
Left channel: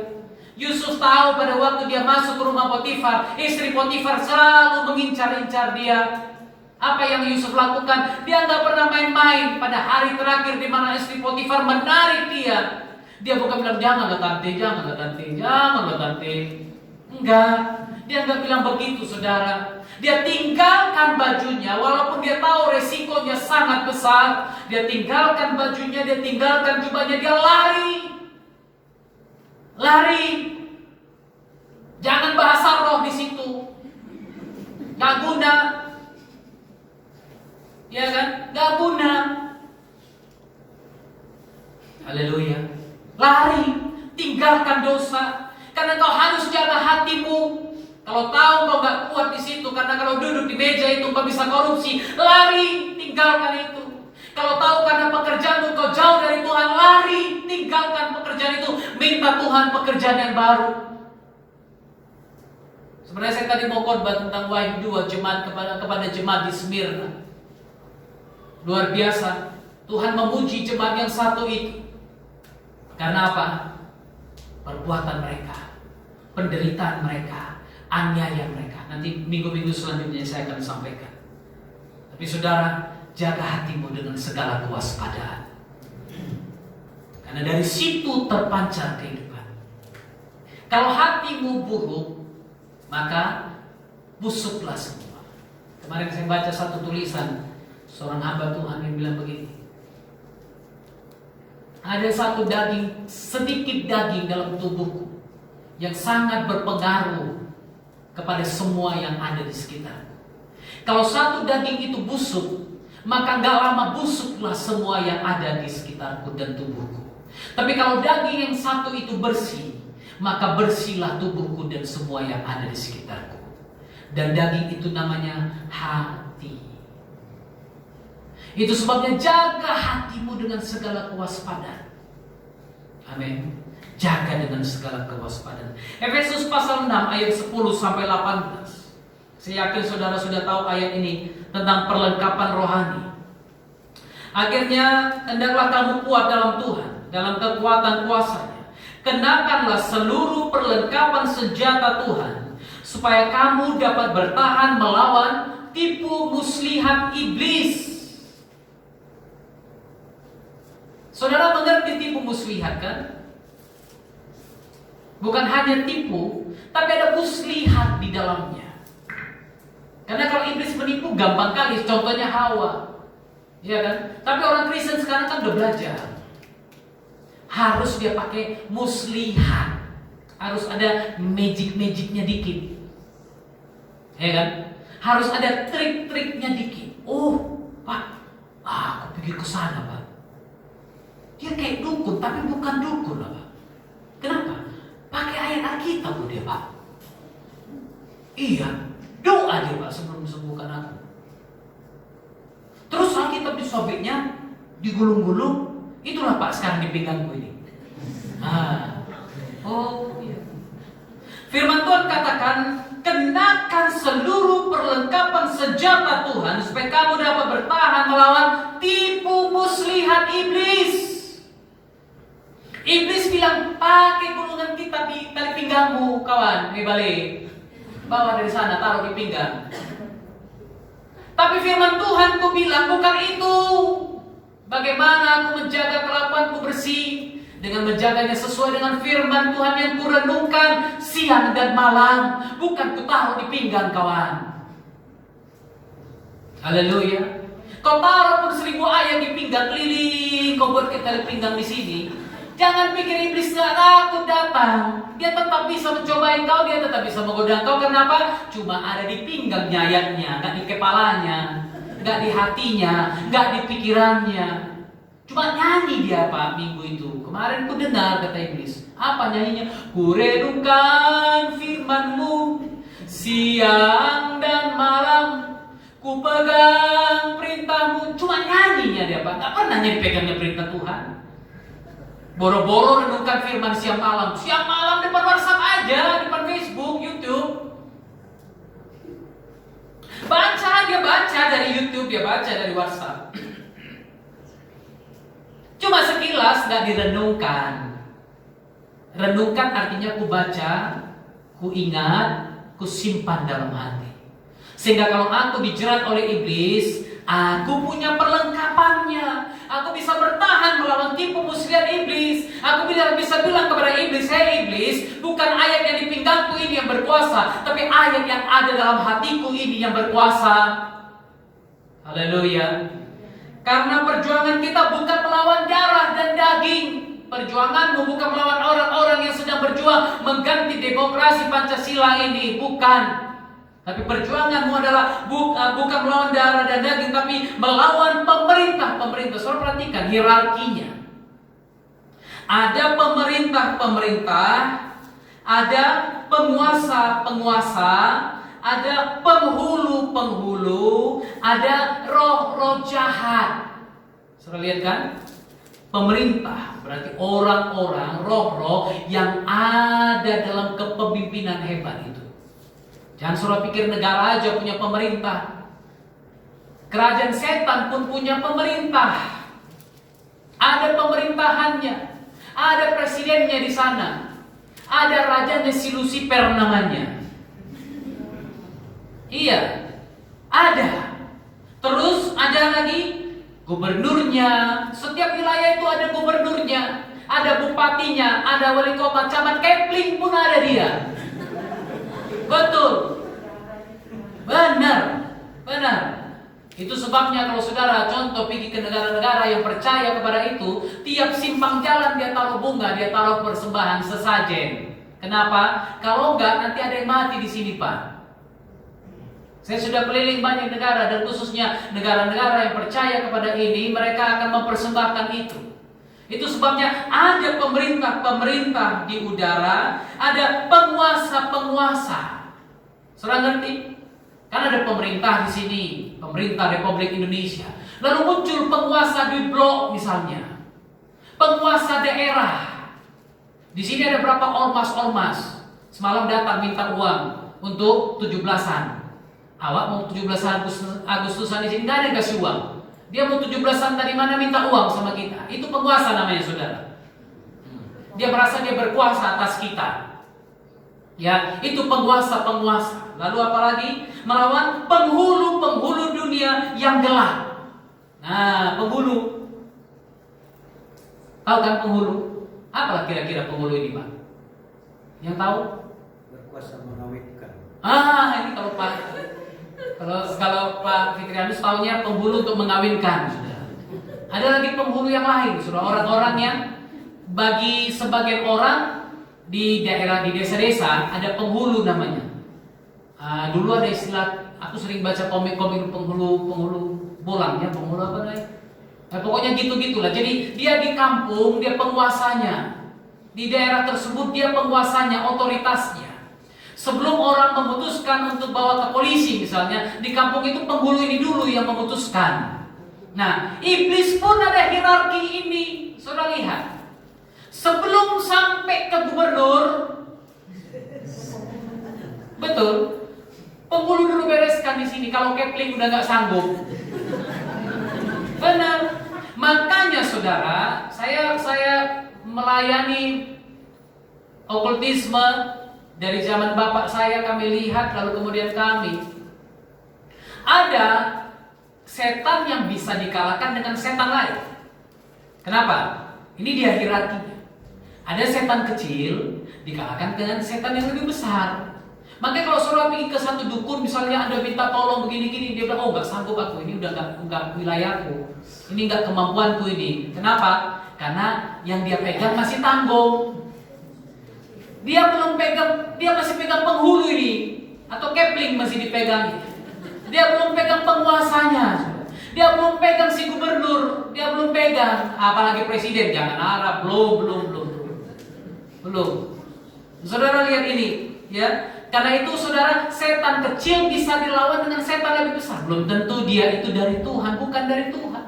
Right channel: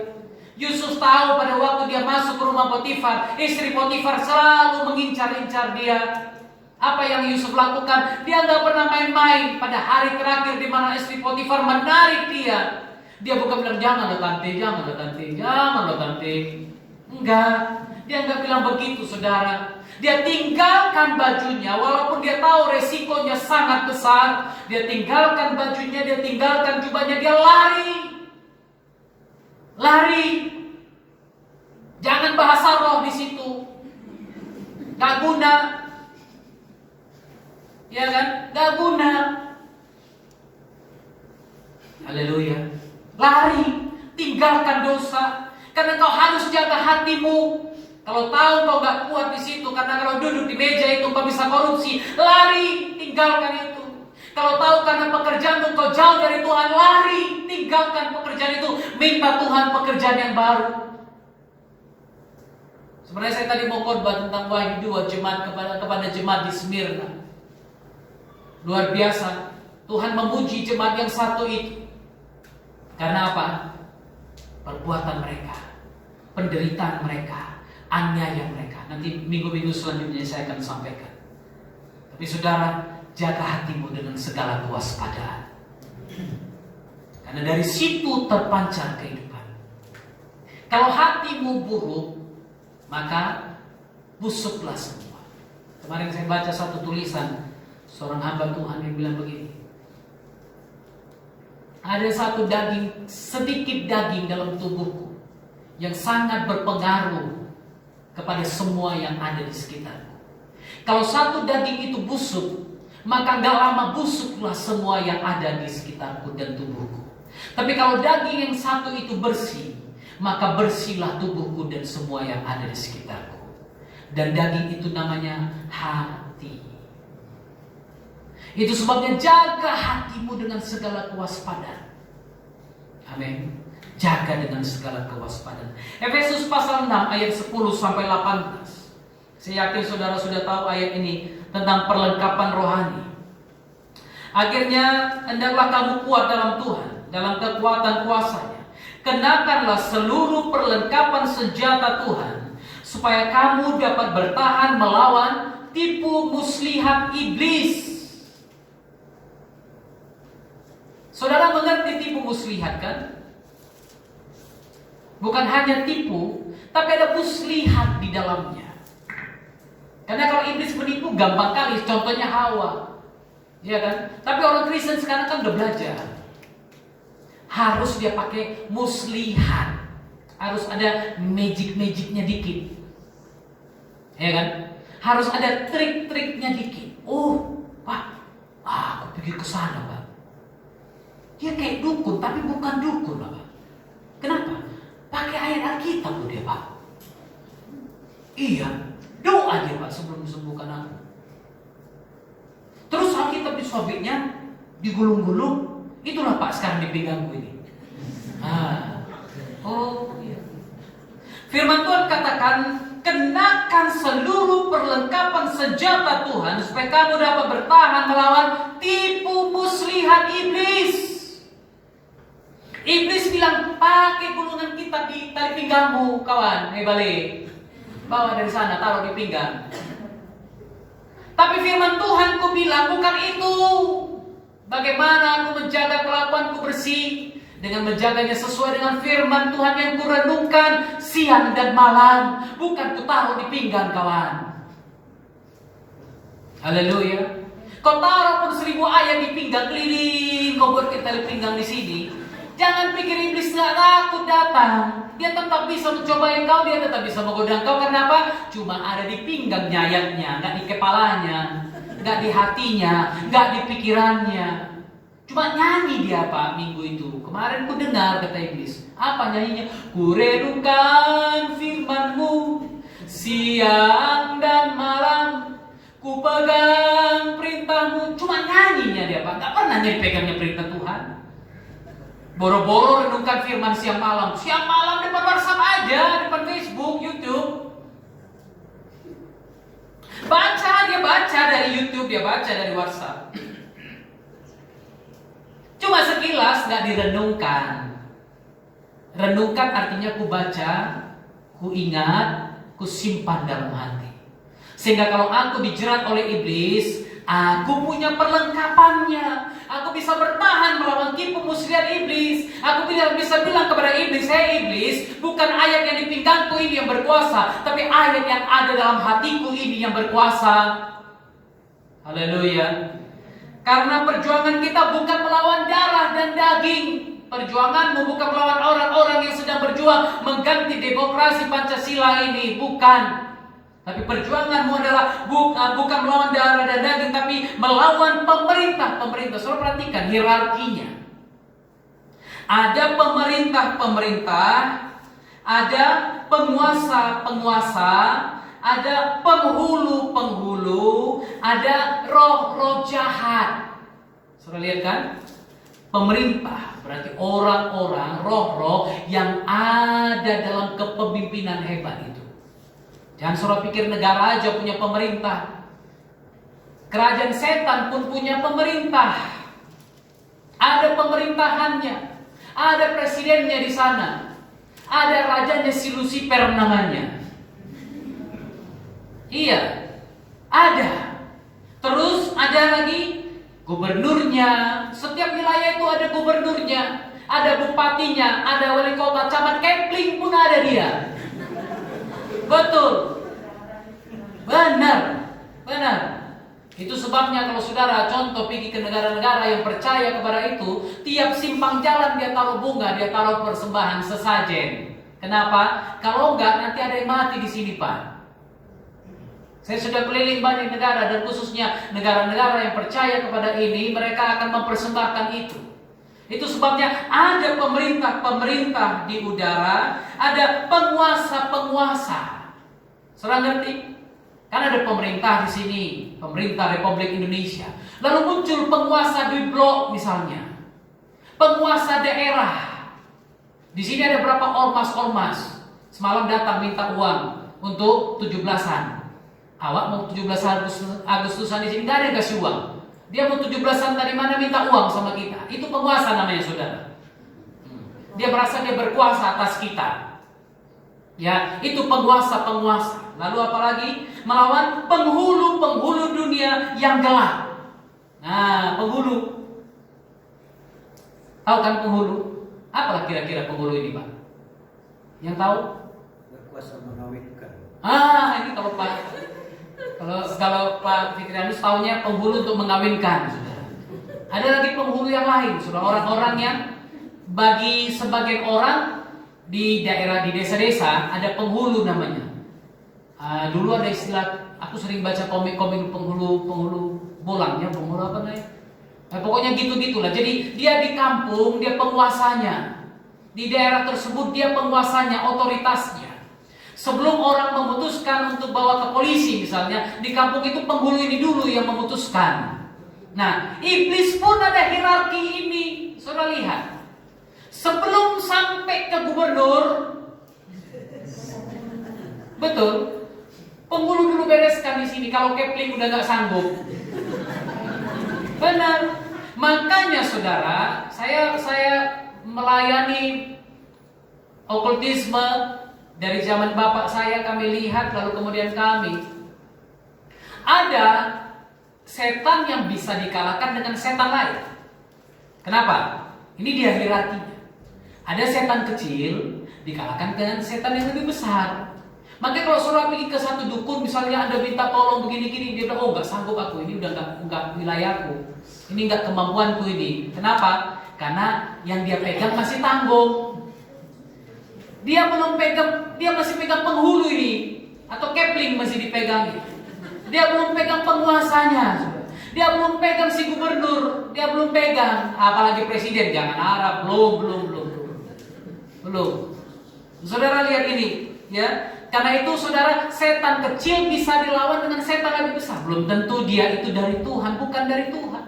Yusuf tahu pada waktu dia masuk ke rumah Potifar, istri Potifar selalu mengincar-incar dia. Apa yang Yusuf lakukan? Dia nggak pernah main-main. Pada hari terakhir di mana istri Potifar menarik dia, dia bukan bilang jangan lo tante. Enggak, dia nggak bilang begitu, saudara. Dia tinggalkan bajunya, walaupun dia tahu resikonya sangat besar. Dia tinggalkan bajunya, dia tinggalkan jubahnya, dia lari. Jangan bahasa roh di situ, nggak guna. Ya kan? Gak guna. Haleluya. Lari. Tinggalkan dosa. Karena kau harus jaga hatimu. Kalau tahu kau gak kuat di situ, karena kalau duduk di meja itu kau bisa korupsi, lari. Tinggalkan itu. Kalau tahu karena pekerjaanmu kau jauh dari Tuhan, lari. Tinggalkan pekerjaan itu. Minta Tuhan pekerjaan yang baru. Sebenarnya saya tadi mau khotbah tentang Wahyu 2 jemaat kepada jemaat di Smyrna. Luar biasa, Tuhan memuji jemaat yang satu itu. Karena apa? Perbuatan mereka, penderitaan mereka, aniaya mereka. Nanti minggu-minggu selanjutnya saya akan sampaikan. Tapi saudara, jaga hatimu dengan segala kewaspadaan. Karena dari situ terpancar kehidupan. Kalau hatimu buruk, maka busuklah semua. Kemarin saya baca satu tulisan seorang hamba Tuhan yang bilang begini. Ada satu sedikit daging dalam tubuhku yang sangat berpengaruh kepada semua yang ada di sekitarku. Kalau satu daging itu busuk, maka gak lama busuklah semua yang ada di sekitarku dan tubuhku. Tapi kalau daging yang satu itu bersih, maka bersihlah tubuhku dan semua yang ada di sekitarku. Dan daging itu namanya hati. Itu sebabnya jaga hatimu dengan segala kewaspadaan. Amin. Jaga dengan segala kewaspadaan. Efesus pasal 6 ayat 10 sampai 18. Saya yakin saudara sudah tahu ayat ini tentang perlengkapan rohani. Akhirnya hendaklah kamu kuat dalam Tuhan, dalam kekuatan kuasa-Nya. Kenakanlah seluruh perlengkapan senjata Tuhan, supaya kamu dapat bertahan melawan tipu muslihat iblis. Saudara mengerti tipu muslihat kan? Bukan hanya tipu, tapi ada muslihat di dalamnya. Karena kalau iblis menipu gampang kali, contohnya Hawa. Iya kan? Tapi orang Kristen sekarang kan udah belajar. Harus dia pakai muslihat. Harus ada magic-magicnya dikit. Ya kan? Harus ada trik-triknya dikit. Oh, Pak, aku pikir ke sana, Pak. Dia kayak dukun, tapi bukan dukun, Pak. Kenapa? Pakai ayat Alkitab dia, Pak. Iya, doa dia, Pak, sebelum sembuhkan aku. Terus Alkitab disobeknya, digulung-gulung. Itulah Pak sekarang di pinggangku ini. Oh iya. Firman Tuhan katakan, kenakan seluruh perlengkapan senjata Tuhan supaya kamu dapat bertahan melawan tipu muslihat iblis. Iblis bilang, pakai gulungan kita di tali pinggangmu, kawan. Balik. Bawa dari sana, taruh di pinggang. Tapi firman Tuhan ku bilang, bukan itu. Bagaimana aku menjaga kelakuanku bersih? Dengan menjaganya sesuai dengan firman Tuhan yang kurenungkan siang dan malam. Bukan ku taruh di pinggang, kawan. Haleluya. Kau taruh pun 1000 ayat di pinggang keliling, kau buat tali pinggang di sini. Jangan pikir iblis gak takut datang. Dia tetap bisa mencobain kau, dia tetap bisa menggoda kau. Kenapa? Cuma ada di pinggangnya ayatnya, gak di kepalanya, gak di hatinya, gak di pikirannya. Cuma nyanyi dia, Pak, minggu itu. Kemarin ku dengar kata iblis. Apa nyanyinya? Ku renungkan firman-Mu siang dan malam. Ku pegang perintah-Mu. Cuma nyanyinya dia, Pak. Gak pernah pegangnya perintah Tuhan. Boro-boro renungkan firman siang malam. Siang malam depan WhatsApp aja, depan Facebook, YouTube. Dia baca dari YouTube, dia baca dari WhatsApp. Cuma sekilas gak direnungkan. Renungkan artinya ku baca, ku ingat, ku simpan dalam hati. Sehingga kalau aku dijerat oleh iblis, aku punya perlengkapannya. Aku bisa bertahan melawan tipu muslihat iblis. Aku bisa bilang kepada iblis, hei iblis, bukan ayat yang di pinggangku ini yang berkuasa, tapi ayat yang ada dalam hatiku ini yang berkuasa. Haleluya. Karena perjuangan kita bukan melawan darah dan daging. Perjuanganmu bukan melawan orang-orang yang sedang berjuang mengganti demokrasi Pancasila ini, bukan. Tapi perjuanganmu adalah bukan melawan darah dan daging, tapi melawan pemerintah-pemerintah. Saudara perhatikan hierarkinya. Ada pemerintah-pemerintah, ada penguasa-penguasa, ada penghulu-penghulu, ada roh-roh jahat. Saudara lihat kan? Pemerintah berarti orang-orang, roh-roh yang ada dalam kepemimpinan hebat itu. Jangan saudara pikir negara aja punya pemerintah. Kerajaan setan pun punya pemerintah. Ada pemerintahannya. Ada presidennya di sana. Ada rajanya si Lucifer namanya. Iya, ada. Terus ada lagi gubernurnya. Setiap wilayah itu ada gubernurnya, ada bupatinya, ada wali kota, camat Kepling pun ada dia. Betul. Benar. Itu sebabnya kalau saudara contoh pergi ke negara-negara yang percaya kepada itu, tiap simpang jalan dia taruh bunga, dia taruh persembahan sesajen. Kenapa? Kalau enggak nanti ada yang mati di sini, Pak. Saya sudah keliling banyak negara dan khususnya negara-negara yang percaya kepada ini, mereka akan mempersembahkan itu. Itu sebabnya ada pemerintah-pemerintah di udara, ada penguasa-penguasa. Saudara ngerti? Kan ada pemerintah di sini, pemerintah Republik Indonesia. Lalu muncul penguasa di blok misalnya, penguasa daerah. Di sini ada berapa ormas-ormas. Semalam datang minta uang untuk 17-an. Awak mau 17 Agustusan di sini nggak ada yang kasih uang. Dia mau 17-an dari mana minta uang sama kita. Itu penguasa namanya, saudara. Dia merasa dia berkuasa atas kita. Ya, itu penguasa-penguasa. Lalu apalagi? Melawan penghulu-penghulu dunia yang gelap. Nah, penghulu. Tahu kan penghulu? Apalah kira-kira penghulu ini, Pak? Yang tahu? Berkuasa mengawinkan. Ini kalau Pak Fikrianus tahunya penghulu untuk mengawinkan, sudah. Ada lagi penghulu yang lain, sudah, orang-orang yang bagi sebagian orang di daerah, di desa-desa ada penghulu namanya. Dulu ada istilah, aku sering baca komik-komik penghulu bolang ya, penghulu apa namanya? Pokoknya gitu-gitulah. Jadi dia di kampung, dia penguasanya. Di daerah tersebut dia penguasanya, otoritasnya. Sebelum orang memutuskan untuk bawa ke polisi misalnya, di kampung itu penghulu ini dulu yang memutuskan. Nah, iblis pun ada hierarki ini. Saudara lihat. Sebelum sampai ke gubernur, betul, penghulu dulu bereskan di sini. Kalau Kepling udah nggak sanggup, benar. Makanya saudara, saya melayani okultisme dari zaman bapak saya, kami lihat, lalu kemudian kami ada setan yang bisa dikalahkan dengan setan lain. Kenapa? Ini dia hierarkinya. Ada setan kecil dikalahkan dengan setan yang lebih besar. Makanya kalau saudara pergi ke satu dukun, misalnya Anda minta tolong begini-gini, dia bilang, oh nggak sanggup aku, ini udah nggak wilayahku, ini nggak kemampuanku ini. Kenapa? Karena yang dia pegang masih tanggung. Dia belum pegang, dia masih pegang penghulu ini, atau Kepling masih dipegang. Dia belum pegang penguasanya. Dia belum pegang si gubernur, dia belum pegang, apalagi presiden, jangan harap, belum. Saudara lihat ini, ya. Karena itu saudara, setan kecil bisa dilawan dengan setan lebih besar. Belum tentu dia itu dari Tuhan, bukan dari Tuhan.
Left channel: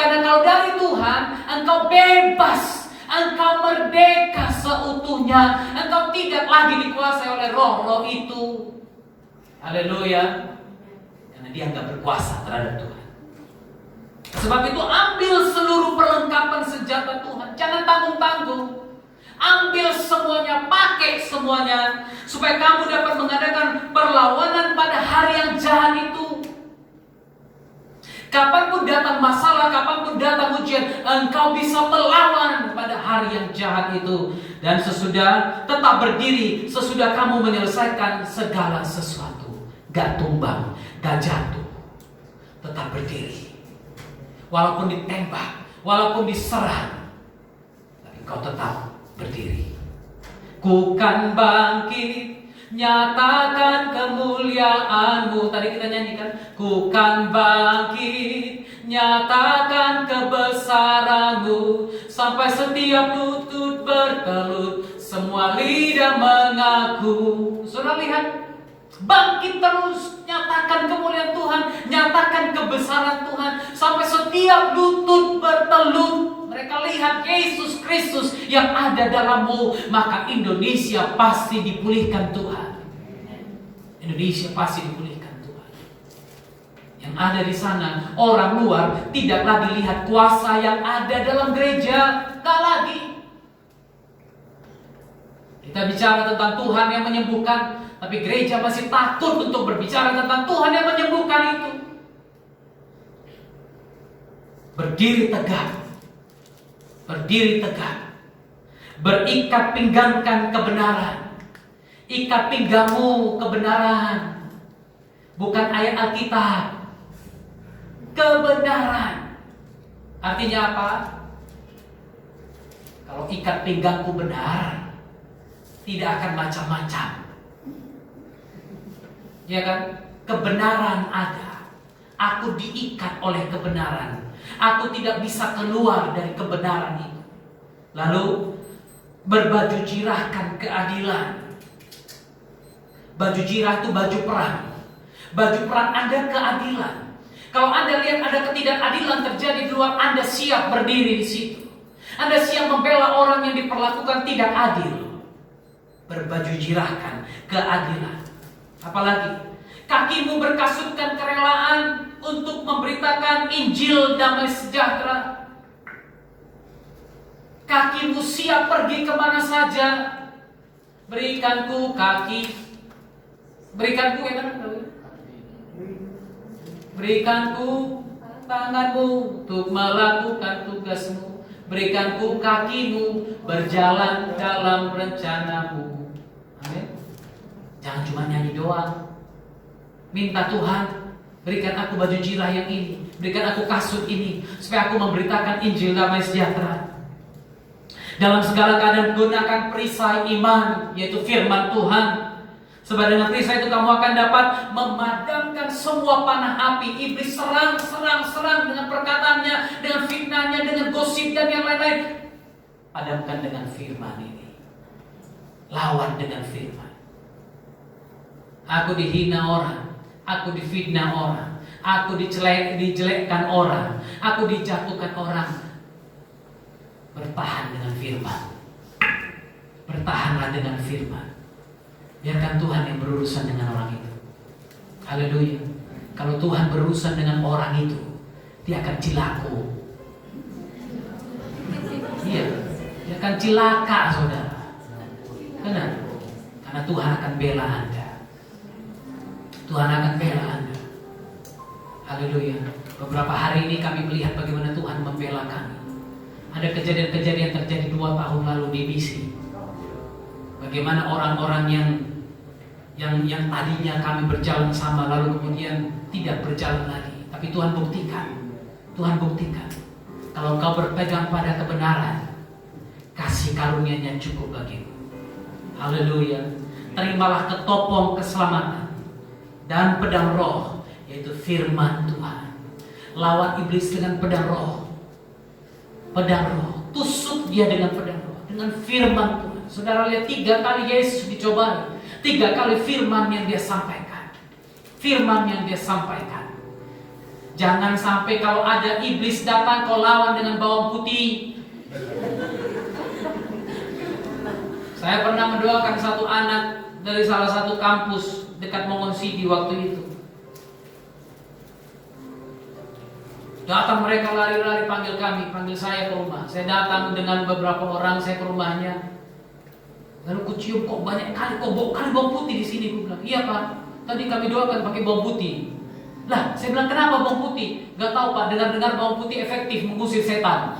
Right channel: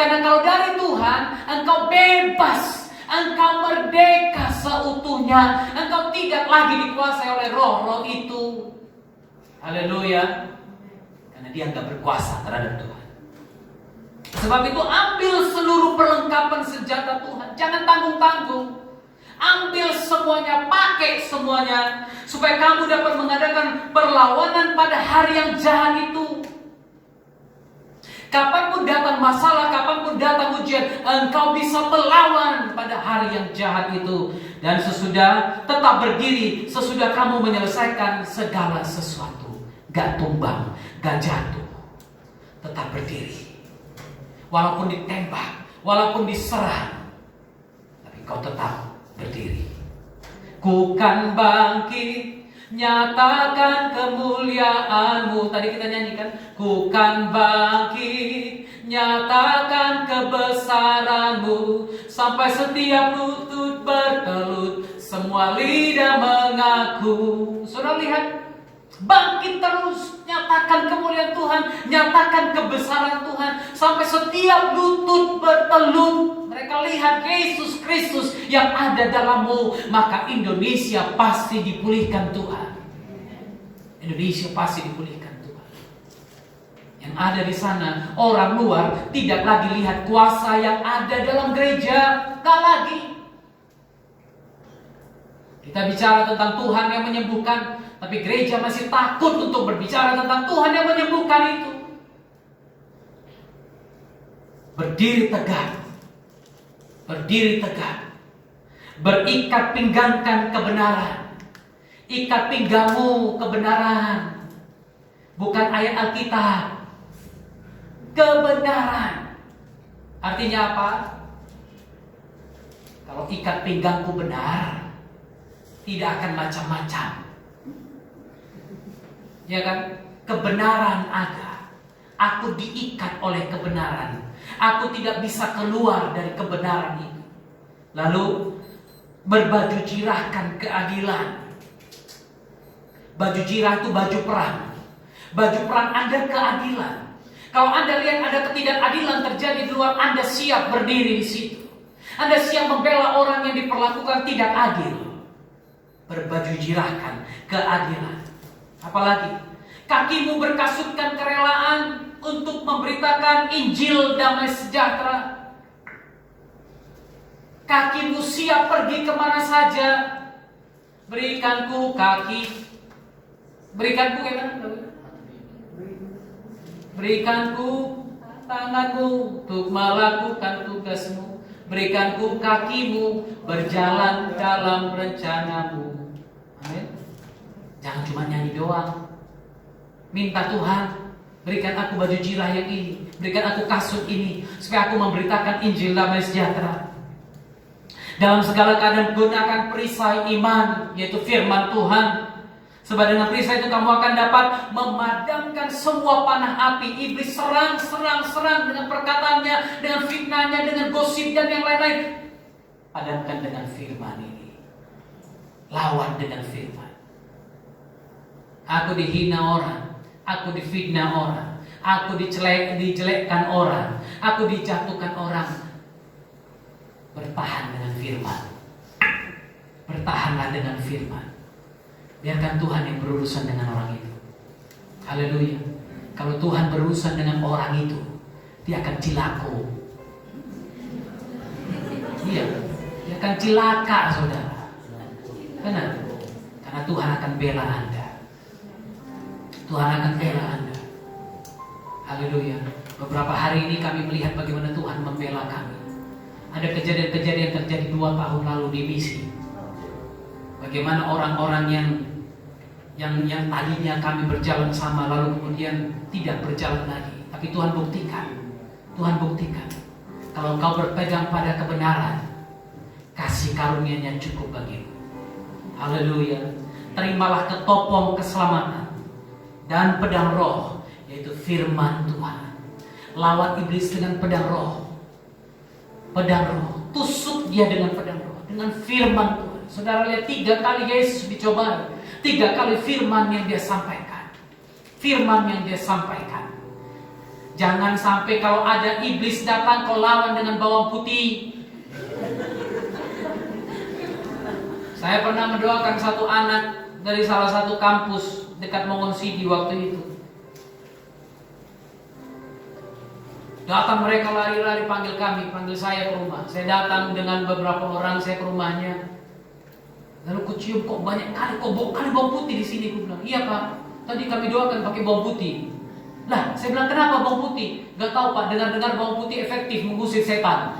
Karena kalau dari Tuhan, engkau bebas, engkau merdeka seutuhnya, engkau tidak lagi dikuasai oleh roh-roh itu. Haleluya. Karena dia enggak berkuasa terhadap Tuhan. Sebab itu ambil seluruh perlengkapan senjata Tuhan. Jangan tanggung-tanggung. Ambil semuanya, pakai semuanya, supaya kamu dapat mengadakan perlawanan pada hari yang jahat itu. Kapanpun datang masalah, kapanpun datang ujian, engkau bisa melawan pada hari yang jahat itu. Dan sesudah tetap berdiri, sesudah kamu menyelesaikan segala sesuatu. Gak tumbang, gak jatuh. Tetap berdiri. Walaupun ditembak, walaupun diserang, tapi kau tetap berdiri. Ku kan bangkit, nyatakan kemuliaan-Mu. Tadi kita nyanyikan, ku kan bangkit, nyatakan kebesaran-Mu, sampai setiap lutut bertelut, semua lidah mengaku. Saudara lihat, bangkit terus, nyatakan kemuliaan Tuhan, nyatakan kebesaran Tuhan, sampai setiap lutut bertelut. Mereka lihat Yesus Kristus yang ada dalammu, maka Indonesia pasti dipulihkan Tuhan. Indonesia pasti dipulihkan Tuhan. Yang ada di sana, orang luar tidak lagi lihat kuasa yang ada dalam gereja, tak lagi. Kita bicara tentang Tuhan yang menyembuhkan, tapi gereja masih takut untuk berbicara tentang Tuhan yang menyembuhkan itu. Berdiri tegak. Berdiri tegak. Berikat pinggangkan kebenaran. Ikat pinggangmu kebenaran. Bukan ayat Alkitab. Kebenaran. Artinya apa? Kalau ikat pinggangku benar, tidak akan macam-macam. Ya kan? Kebenaran ada. Aku diikat oleh kebenaran. Aku tidak bisa keluar dari kebenaran itu. Lalu berbaju jirahkan keadilan. Baju jirah itu baju perang. Baju perang ada keadilan. Kalau Anda lihat ada ketidakadilan terjadi di luar, Anda siap berdiri di situ. Anda siap membela orang yang diperlakukan tidak adil. Berbaju jirahkan keadilan. Apalagi kakimu berkasutkan kerelaan untuk memberitakan Injil damai sejahtera. Kakimu siap pergi kemana saja. Berikanku kaki. Berikanku ya kan? Berikanku tanganmu untuk melakukan tugasmu. Berikanku kakimu berjalan dalam rencanamu. Jangan cuma nyanyi doang. Minta Tuhan, berikan aku baju jirah yang ini, berikan aku kasut ini, supaya aku memberitakan Injil damai sejahtera. Dalam segala keadaan gunakan perisai iman, yaitu firman Tuhan. Sebab dengan perisai itu kamu akan dapat memadamkan semua panah api. Iblis serang dengan perkataannya, dengan fitnahnya, dengan gosip dan yang lain-lain. Padamkan dengan firman ini. Lawan dengan firman. Aku dihina orang, aku difitnah orang, aku dijelekkan orang, aku dijatuhkan orang. Bertahan dengan firman. Bertahanlah dengan firman. Biarkan Tuhan yang berurusan dengan orang itu. Haleluya. Kalau Tuhan berurusan dengan orang itu, dia akan cilaka. Iya, dia akan cilaka, saudara. Benar. Karena Tuhan akan bela Anda. Tuhan akan bela Anda. Haleluya. Beberapa hari ini kami melihat bagaimana Tuhan membela kami. Ada kejadian-kejadian terjadi 2 tahun lalu di misi. Bagaimana orang-orang yang tadinya kami berjalan sama lalu kemudian tidak berjalan lagi. Tapi Tuhan buktikan. Tuhan buktikan. Kalau kau berpegang pada kebenaran, kasih karunia-Nya cukup bagimu. Haleluya. Terimalah ketopong keselamatan dan pedang roh, yaitu firman Tuhan. Lawan iblis dengan pedang roh. Pedang roh. Tusuk dia dengan pedang roh, dengan firman Tuhan. Saudara lihat 3 kali Yesus dicobai. 3 kali firman yang dia sampaikan. Firman yang dia sampaikan. Jangan sampai kalau ada iblis datang kau lawan dengan bawang putih. Saya pernah mendoakan satu anak dari salah satu kampus dekat Mongon City waktu itu. Datang mereka lari-lari panggil kami, panggil saya ke rumah. Saya datang dengan beberapa orang saya ke rumahnya. Lalu ku cium, kok banyak kali bawang putih di sini. Ku bilang, iya Pak, tadi kami doakan pakai bawang putih. Lah, saya bilang kenapa bawang putih? Gak tahu Pak, dengar-dengar bawang putih efektif mengusir setan.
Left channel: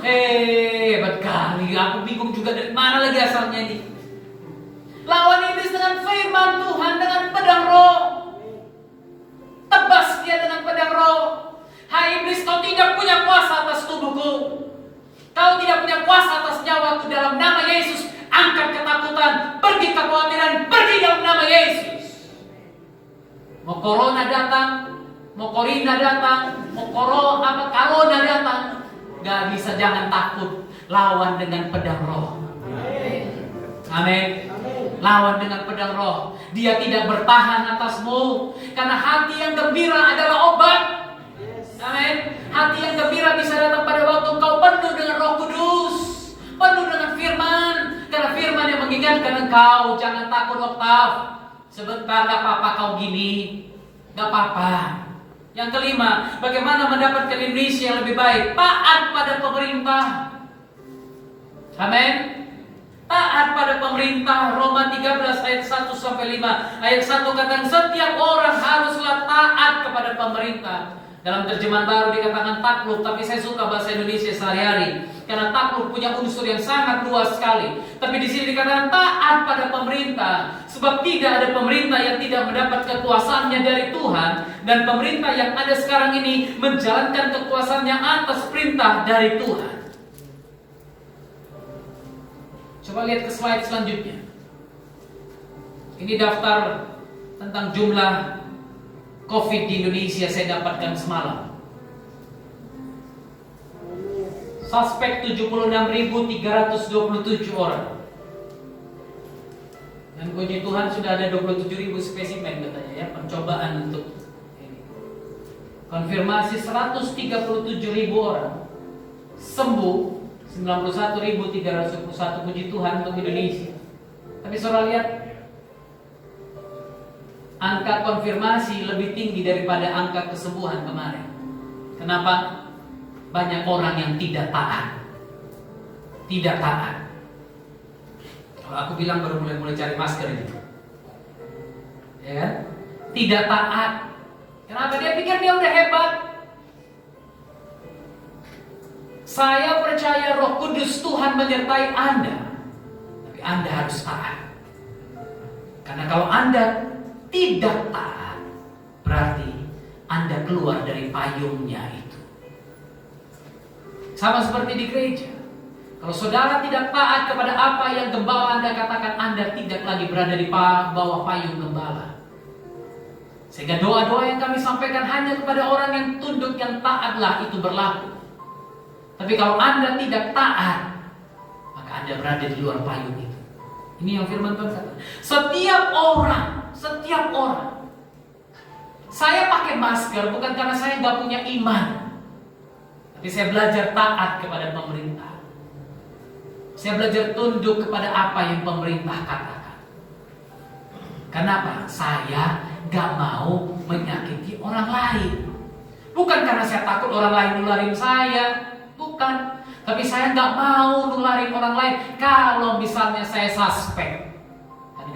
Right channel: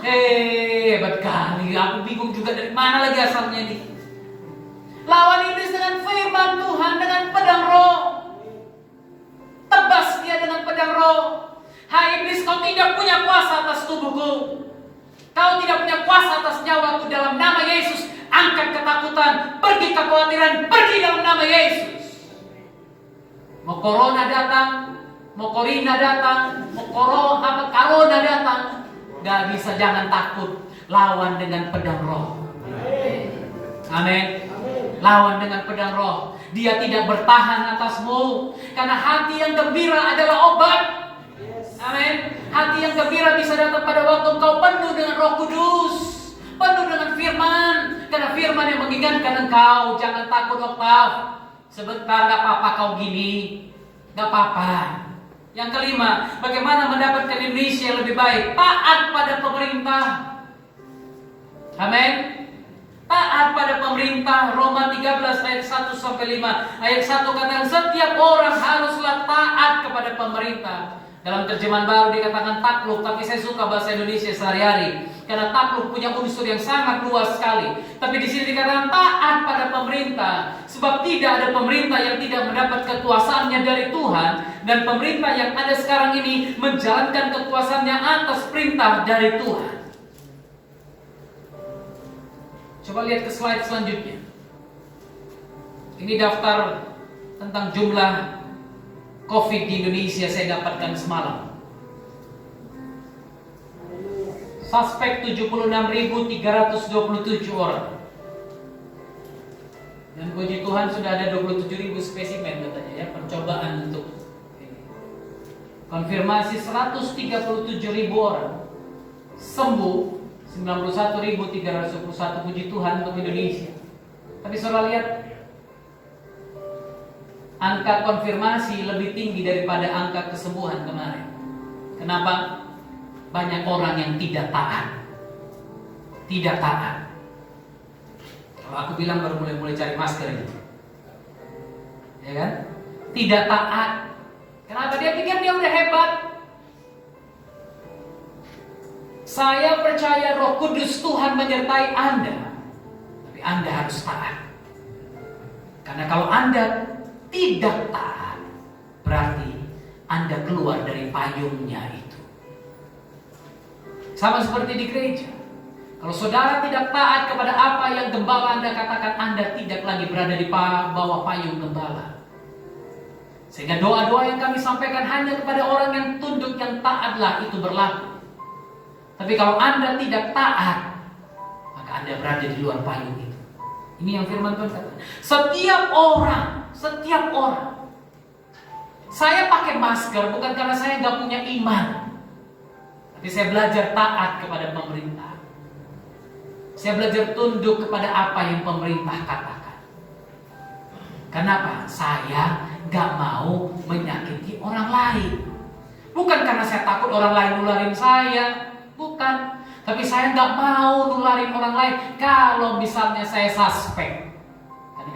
Hebat kali, aku bingung juga dari mana lagi asalnya ini. Lawan iblis dengan firman Tuhan, dengan pedang roh. Tebas dia dengan pedang roh. Hai iblis, kau tidak punya kuasa atas tubuhku. Kau tidak punya kuasa atas nyawaku. Dalam nama Yesus, angkat ketakutan, pergi kekhawatiran, pergi dalam nama Yesus. Mau corona datang, mau corona datang, mau corona datang, gak bisa, jangan takut. Lawan dengan pedang roh. Amin. Lawan dengan pedang roh. Dia tidak bertahan atasmu. Karena hati yang gembira adalah obat. Amin. Hati yang gembira bisa datang pada waktu kau penuh dengan Roh Kudus, penuh dengan firman. Karena firman yang mengingatkan engkau, jangan takut Oktav. Sebentar, gak apa-apa kau gini, gak apa-apa. Yang kelima, bagaimana mendapatkan Indonesia yang lebih baik? Taat pada pemerintah. Amin. Taat pada pemerintah. Roma 13 ayat 1 sampai 5. Ayat 1 katakan setiap orang haruslah taat kepada pemerintah. Dalam terjemahan baru dikatakan takluk, tapi saya suka bahasa Indonesia sehari-hari karena takluk punya unsur yang sangat luas sekali. Tapi di sini dikatakan taat pada pemerintah, sebab tidak ada pemerintah yang tidak mendapat kekuasaannya dari Tuhan, dan pemerintah yang ada sekarang ini menjalankan kekuasaannya atas perintah dari Tuhan. Coba lihat ke slide selanjutnya. Ini daftar tentang jumlah COVID di Indonesia saya dapatkan semalam. Suspek 76.327 orang. Dan puji Tuhan sudah ada 27.000 spesimen katanya ya, percobaan untuk ini. Konfirmasi 137.000 orang. Sembuh 91.321, puji Tuhan untuk Indonesia. Tapi saudara lihat, angka konfirmasi lebih tinggi daripada angka kesembuhan kemarin. Kenapa? Banyak orang yang tidak taat. Tidak taat. Kalau aku bilang baru mulai cari masker ini, ya kan? Tidak taat. Kenapa? Dia pikir dia udah hebat. Saya percaya Roh Kudus Tuhan menyertai Anda, tapi Anda harus taat. Karena kalau Anda tidak taat, berarti Anda keluar dari payungnya itu. Sama seperti di gereja. Kalau saudara tidak taat kepada apa yang gembala Anda katakan, Anda tidak lagi berada di bawah payung gembala. Sehingga doa-doa yang kami sampaikan hanya kepada orang yang tunduk, yang taatlah itu berlaku. Tapi kalau Anda tidak taat, maka Anda berada di luar payung itu. Ini yang firman Tuhan katakan. Setiap orang, saya pakai masker bukan karena saya nggak punya iman, tapi saya belajar taat kepada pemerintah. Saya belajar tunduk kepada apa yang pemerintah katakan. Kenapa? Saya nggak mau menyakiti orang lain. Bukan karena saya takut orang lain nularin saya, bukan. Tapi saya nggak mau nularin orang lain. Kalau misalnya saya suspek,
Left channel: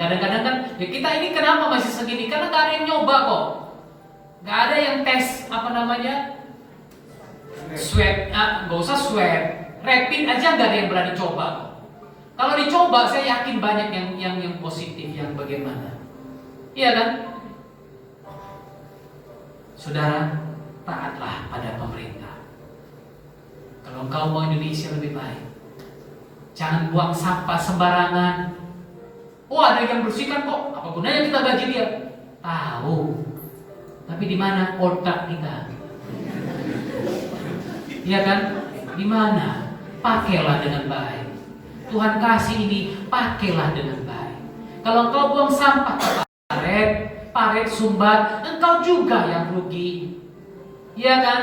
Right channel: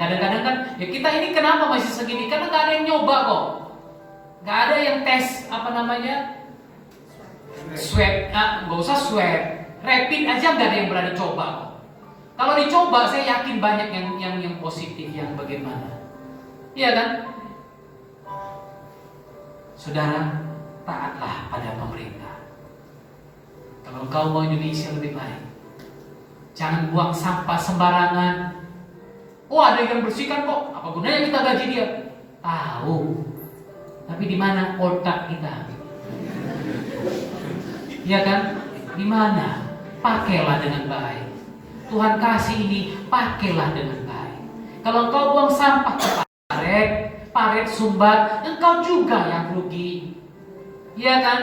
kadang-kadang kan, ya kita ini kenapa masih segini? Karena nggak ada yang nyoba kok. Nggak ada yang tes swab, nggak usah swab, rapid aja nggak ada yang berani coba. Kalau dicoba, saya yakin banyak yang positif, yang bagaimana, iya kan? Saudara, taatlah pada pemerintah. Kalau engkau mau Indonesia lebih baik, jangan buang sampah sembarangan. Oh, ada yang bersihkan kok, apa gunanya kita gaji dia? Tahu. Tapi di mana otak kita? Iya kan? Di mana? Pakailah dengan baik. Tuhan kasih ini, pakailah dengan baik. Kalau kau buang sampah ke paret sumbat, engkau juga yang rugi. Iya kan?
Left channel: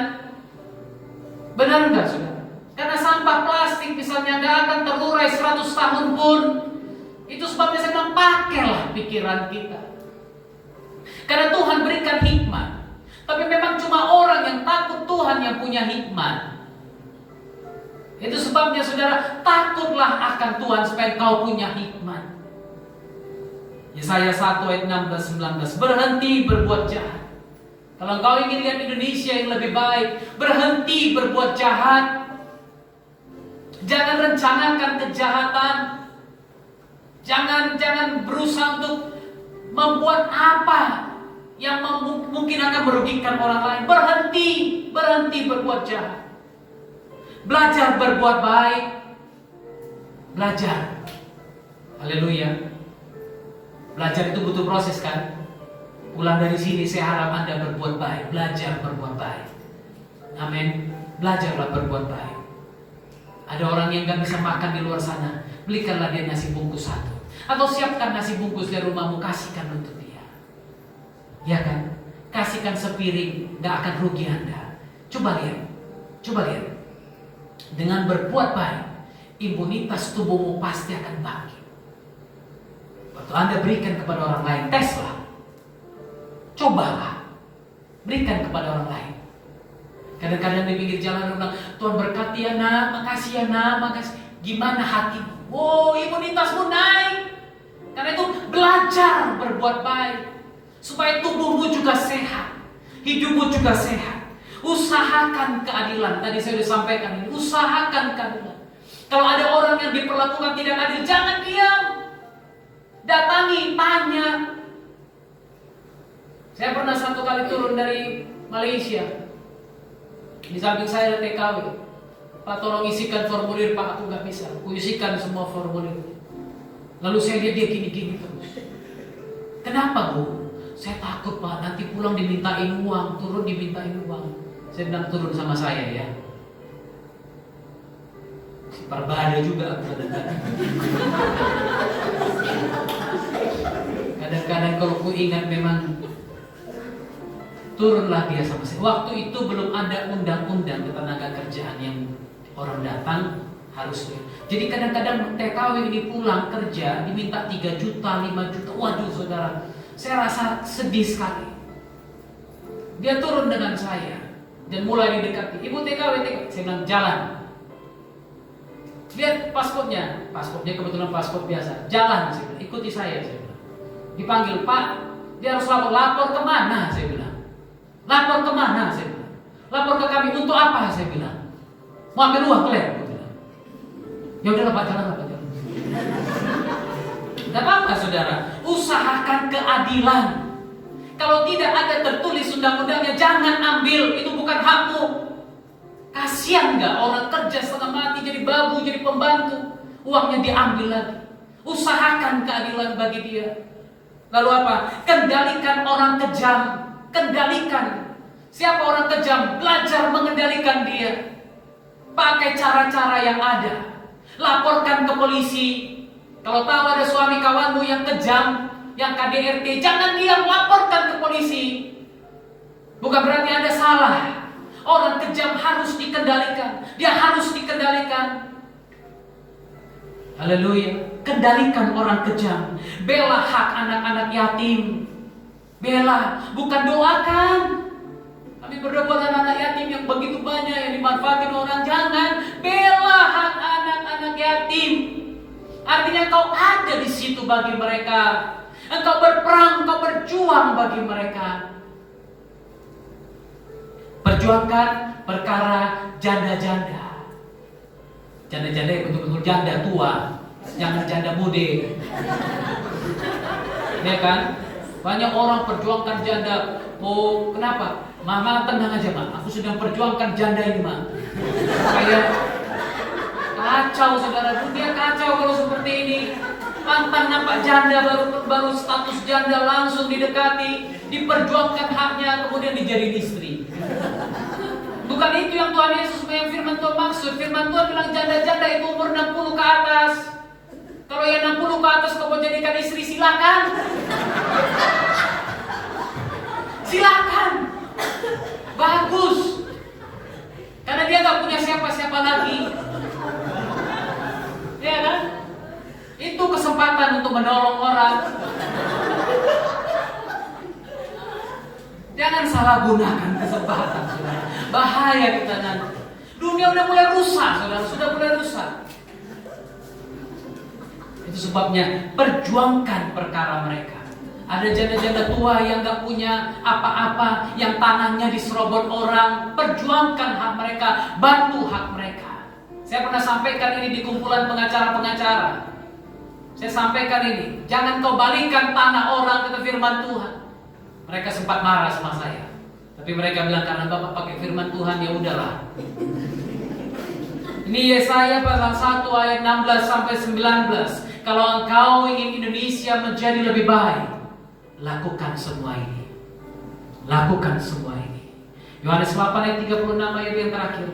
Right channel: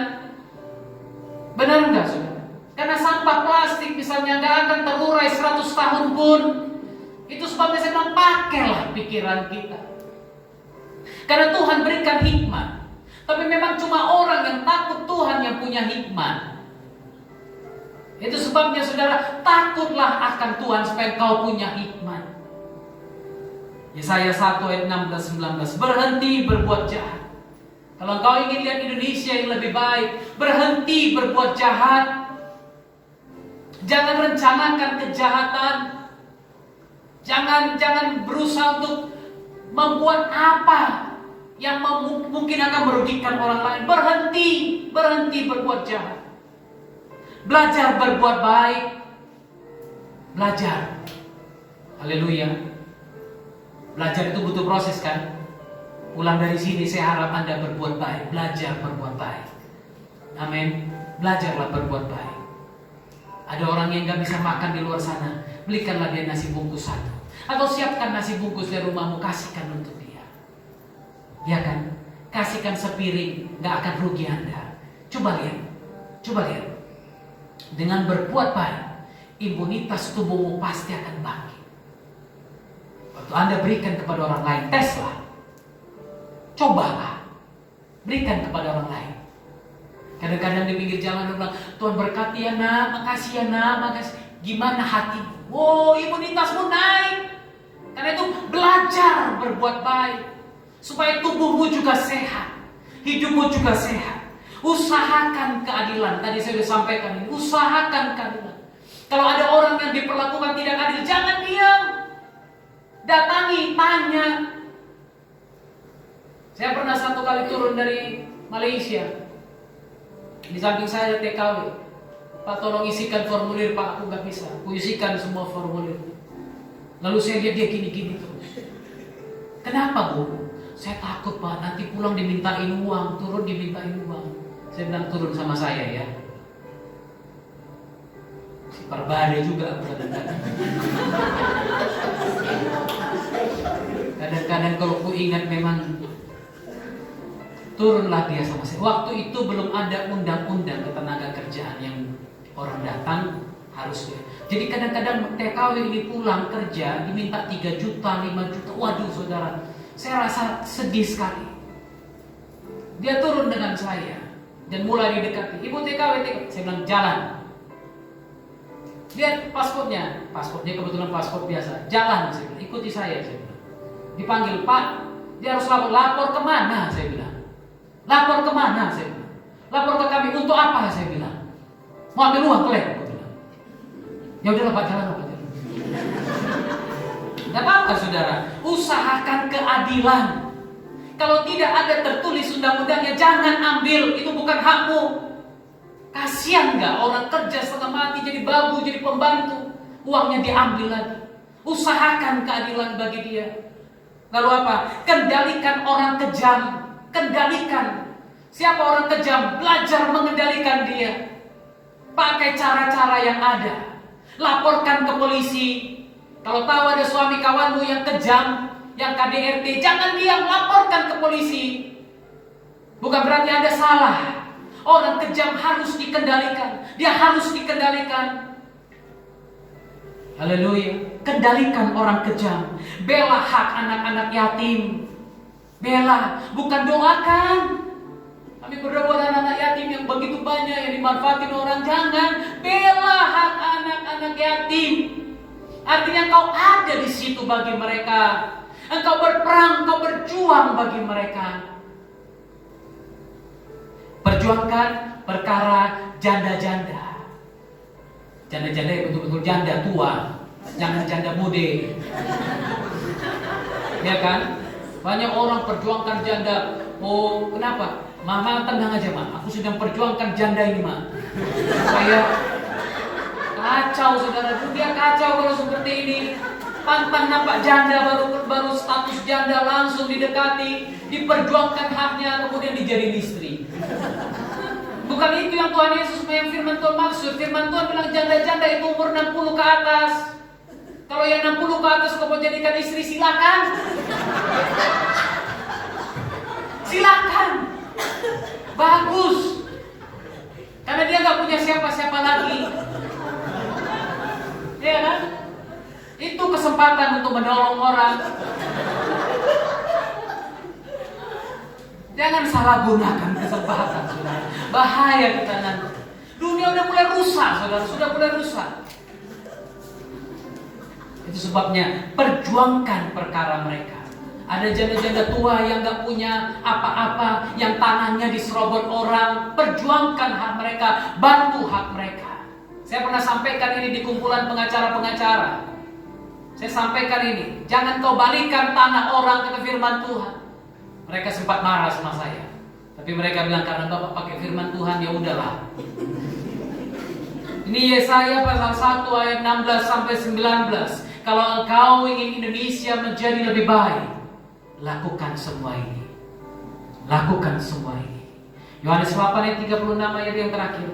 Benar enggak, saudara? Karena sampah plastik misalnya nggak akan terurai 100 tahun pun. Itu sebabnya saya bilang, pakailah pikiran kita. Karena Tuhan berikan hikmat. Tapi memang cuma orang yang takut Tuhan yang punya hikmat. Itu sebabnya saudara, takutlah akan Tuhan supaya kau punya hikmat. Yesaya 1 ayat 16-19, berhenti berbuat jahat. Kalau kau ingin lihat Indonesia yang lebih baik, berhenti berbuat jahat. Jangan rencanakan kejahatan. Jangan berusaha untuk membuat apa yang mungkin akan merugikan orang lain. Berhenti berbuat jahat. Belajar berbuat baik. Belajar. Haleluya. Belajar itu butuh proses kan? Pulang dari sini saya harap Anda berbuat baik. Belajar berbuat baik. Amin. Belajarlah berbuat baik. Ada orang yang gak bisa makan di luar sana, belikanlah dia nasi bungkus satu. Atau siapkan nasi bungkus dari rumahmu, kasihkan untuk dia. Ya kan? Kasihkan sepiring, gak akan rugi Anda. Coba lihat. Dengan berbuat baik, imunitas tubuhmu pasti akan bangkit. Waktu Anda berikan kepada orang lain, teslah. Cobalah. Berikan kepada orang lain. Kadang-kadang di pinggir jalan orang bilang, Tuhan berkati ya nak, makasih ya nak, makasih. Gimana hatimu? Oh, imunitasmu naik. Karena itu belajar berbuat baik. Supaya tubuhmu juga sehat. Hidupmu juga sehat. Usahakan keadilan. Tadi saya sudah sampaikan ini. Usahakan keadilan. Kalau ada orang yang diperlakukan tidak adil, jangan diam. Datangi, tanya. Saya pernah satu kali turun dari Malaysia. Di samping saya ada TKW. Pak, tolong isikan formulir Pak, aku gak bisa. Aku isikan semua formulir. Lalu saya lihat dia gini-gini terus. Kenapa Bu? Saya takut Pak, nanti pulang dimintain uang, turun dimintain uang. Saya bilang turun sama saya ya. Si Parbada juga kadang-kadang. Kadang-kadang kalau ku ingat memang turunlah dia sama saya. Waktu itu belum ada undang-undang ketenaga kerjaan yang orang datang harus dia. Jadi kadang-kadang TKW ini pulang kerja diminta 3 juta, 5 juta. Waduh saudara, saya rasa sedih sekali. Dia turun dengan saya dan mulai didekati. Ibu TKW. Saya bilang jalan. Lihat paspornya kebetulan paspor biasa. Jalan, saya bilang, ikuti saya bilang. Dipanggil Pak, dia harus lapor kemana? Saya bilang. Lapor kemana? Saya bilang. Lapor ke kami untuk apa? Saya bilang. Mau ambil uang klaim? Saya bilang. Ya udahlah Pak, jalan. Tidak apa-apa saudara, usahakan keadilan. Kalau tidak ada tertulis undang-undangnya, jangan ambil, itu bukan hakmu. Kasihan gak orang kerja setengah mati jadi babu, jadi pembantu, uangnya diambil lagi. Usahakan keadilan bagi dia. Lalu apa? Kendalikan orang kejam. Kendalikan. Siapa orang kejam? Belajar mengendalikan dia. Pakai cara-cara yang ada. Laporkan ke polisi. Kalau tahu ada suami kawanmu yang kejam, yang KDRT, jangan diam, laporkan ke polisi. Bukan berarti Anda salah. Orang kejam harus dikendalikan. Dia harus dikendalikan. Haleluya. Kendalikan orang kejam. Bela hak anak-anak yatim. Bela, bukan doakan. Kami berdoa buat anak-anak yatim yang begitu banyak yang dimanfaatin orang. Jangan. Bela hak anak-anak yatim. Artinya kau ada di situ bagi mereka. Engkau berperang, engkau berjuang bagi mereka. Perjuangkan perkara janda-janda. Janda-janda yang betul-betul janda tua, jangan janda muda. Ya kan? Banyak orang perjuangkan janda. Oh, kenapa? Mama tenang aja, Ma. Aku sedang perjuangkan janda ini, Ma. Supaya kacau, saudara. Dia kacau kalau seperti ini. Pantang nampak janda, baru status janda langsung didekati, diperjuangkan haknya, kemudian dijadiin istri. Bukan itu yang Tuhan Yesus, yang firman Tuhan maksud. Firman Tuhan bilang janda-janda itu umur 60 ke atas. Kalau yang 60 ke atas kau mau jadikan istri, silakan. Silakan. Bagus. Karena dia gak punya siapa-siapa lagi. Ya kan? Itu kesempatan untuk menolong orang. Jangan salah gunakan kesempatan, saudara. Bahaya kita nanti. Dunia udah mulai rusak, saudara. Sudah mulai rusak. Itu sebabnya perjuangkan perkara mereka. Ada janda-janda tua yang gak punya apa-apa, yang tanahnya diserobot orang. Perjuangkan hak mereka, bantu hak mereka. Saya pernah sampaikan ini di kumpulan pengacara-pengacara. Saya sampaikan ini, jangan kau balikan tanah orang, kata firman Tuhan. Mereka sempat marah sama saya, tapi mereka bilang karena Bapak pakai firman Tuhan, ya udahlah. Ini Yesaya pasal 1 ayat 16 sampai 19. Kalau engkau ingin Indonesia menjadi lebih baik, lakukan semua ini. Lakukan semua ini. Yohanes 8 ayat 36 ayat yang terakhir.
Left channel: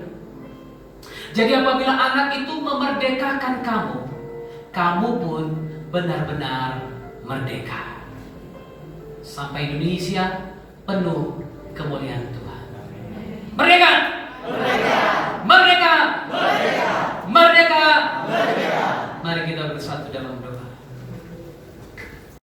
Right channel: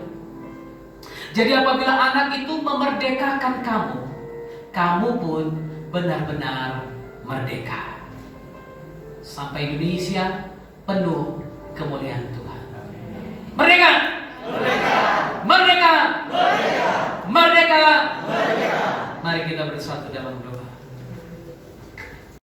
Jadi apabila anak itu memerdekakan kamu, kamu pun benar-benar merdeka. Sampai Indonesia penuh kemuliaan Tuhan. Merdeka! Merdeka! Merdeka! Merdeka! Merdeka! Mari kita bersatu dalam doa.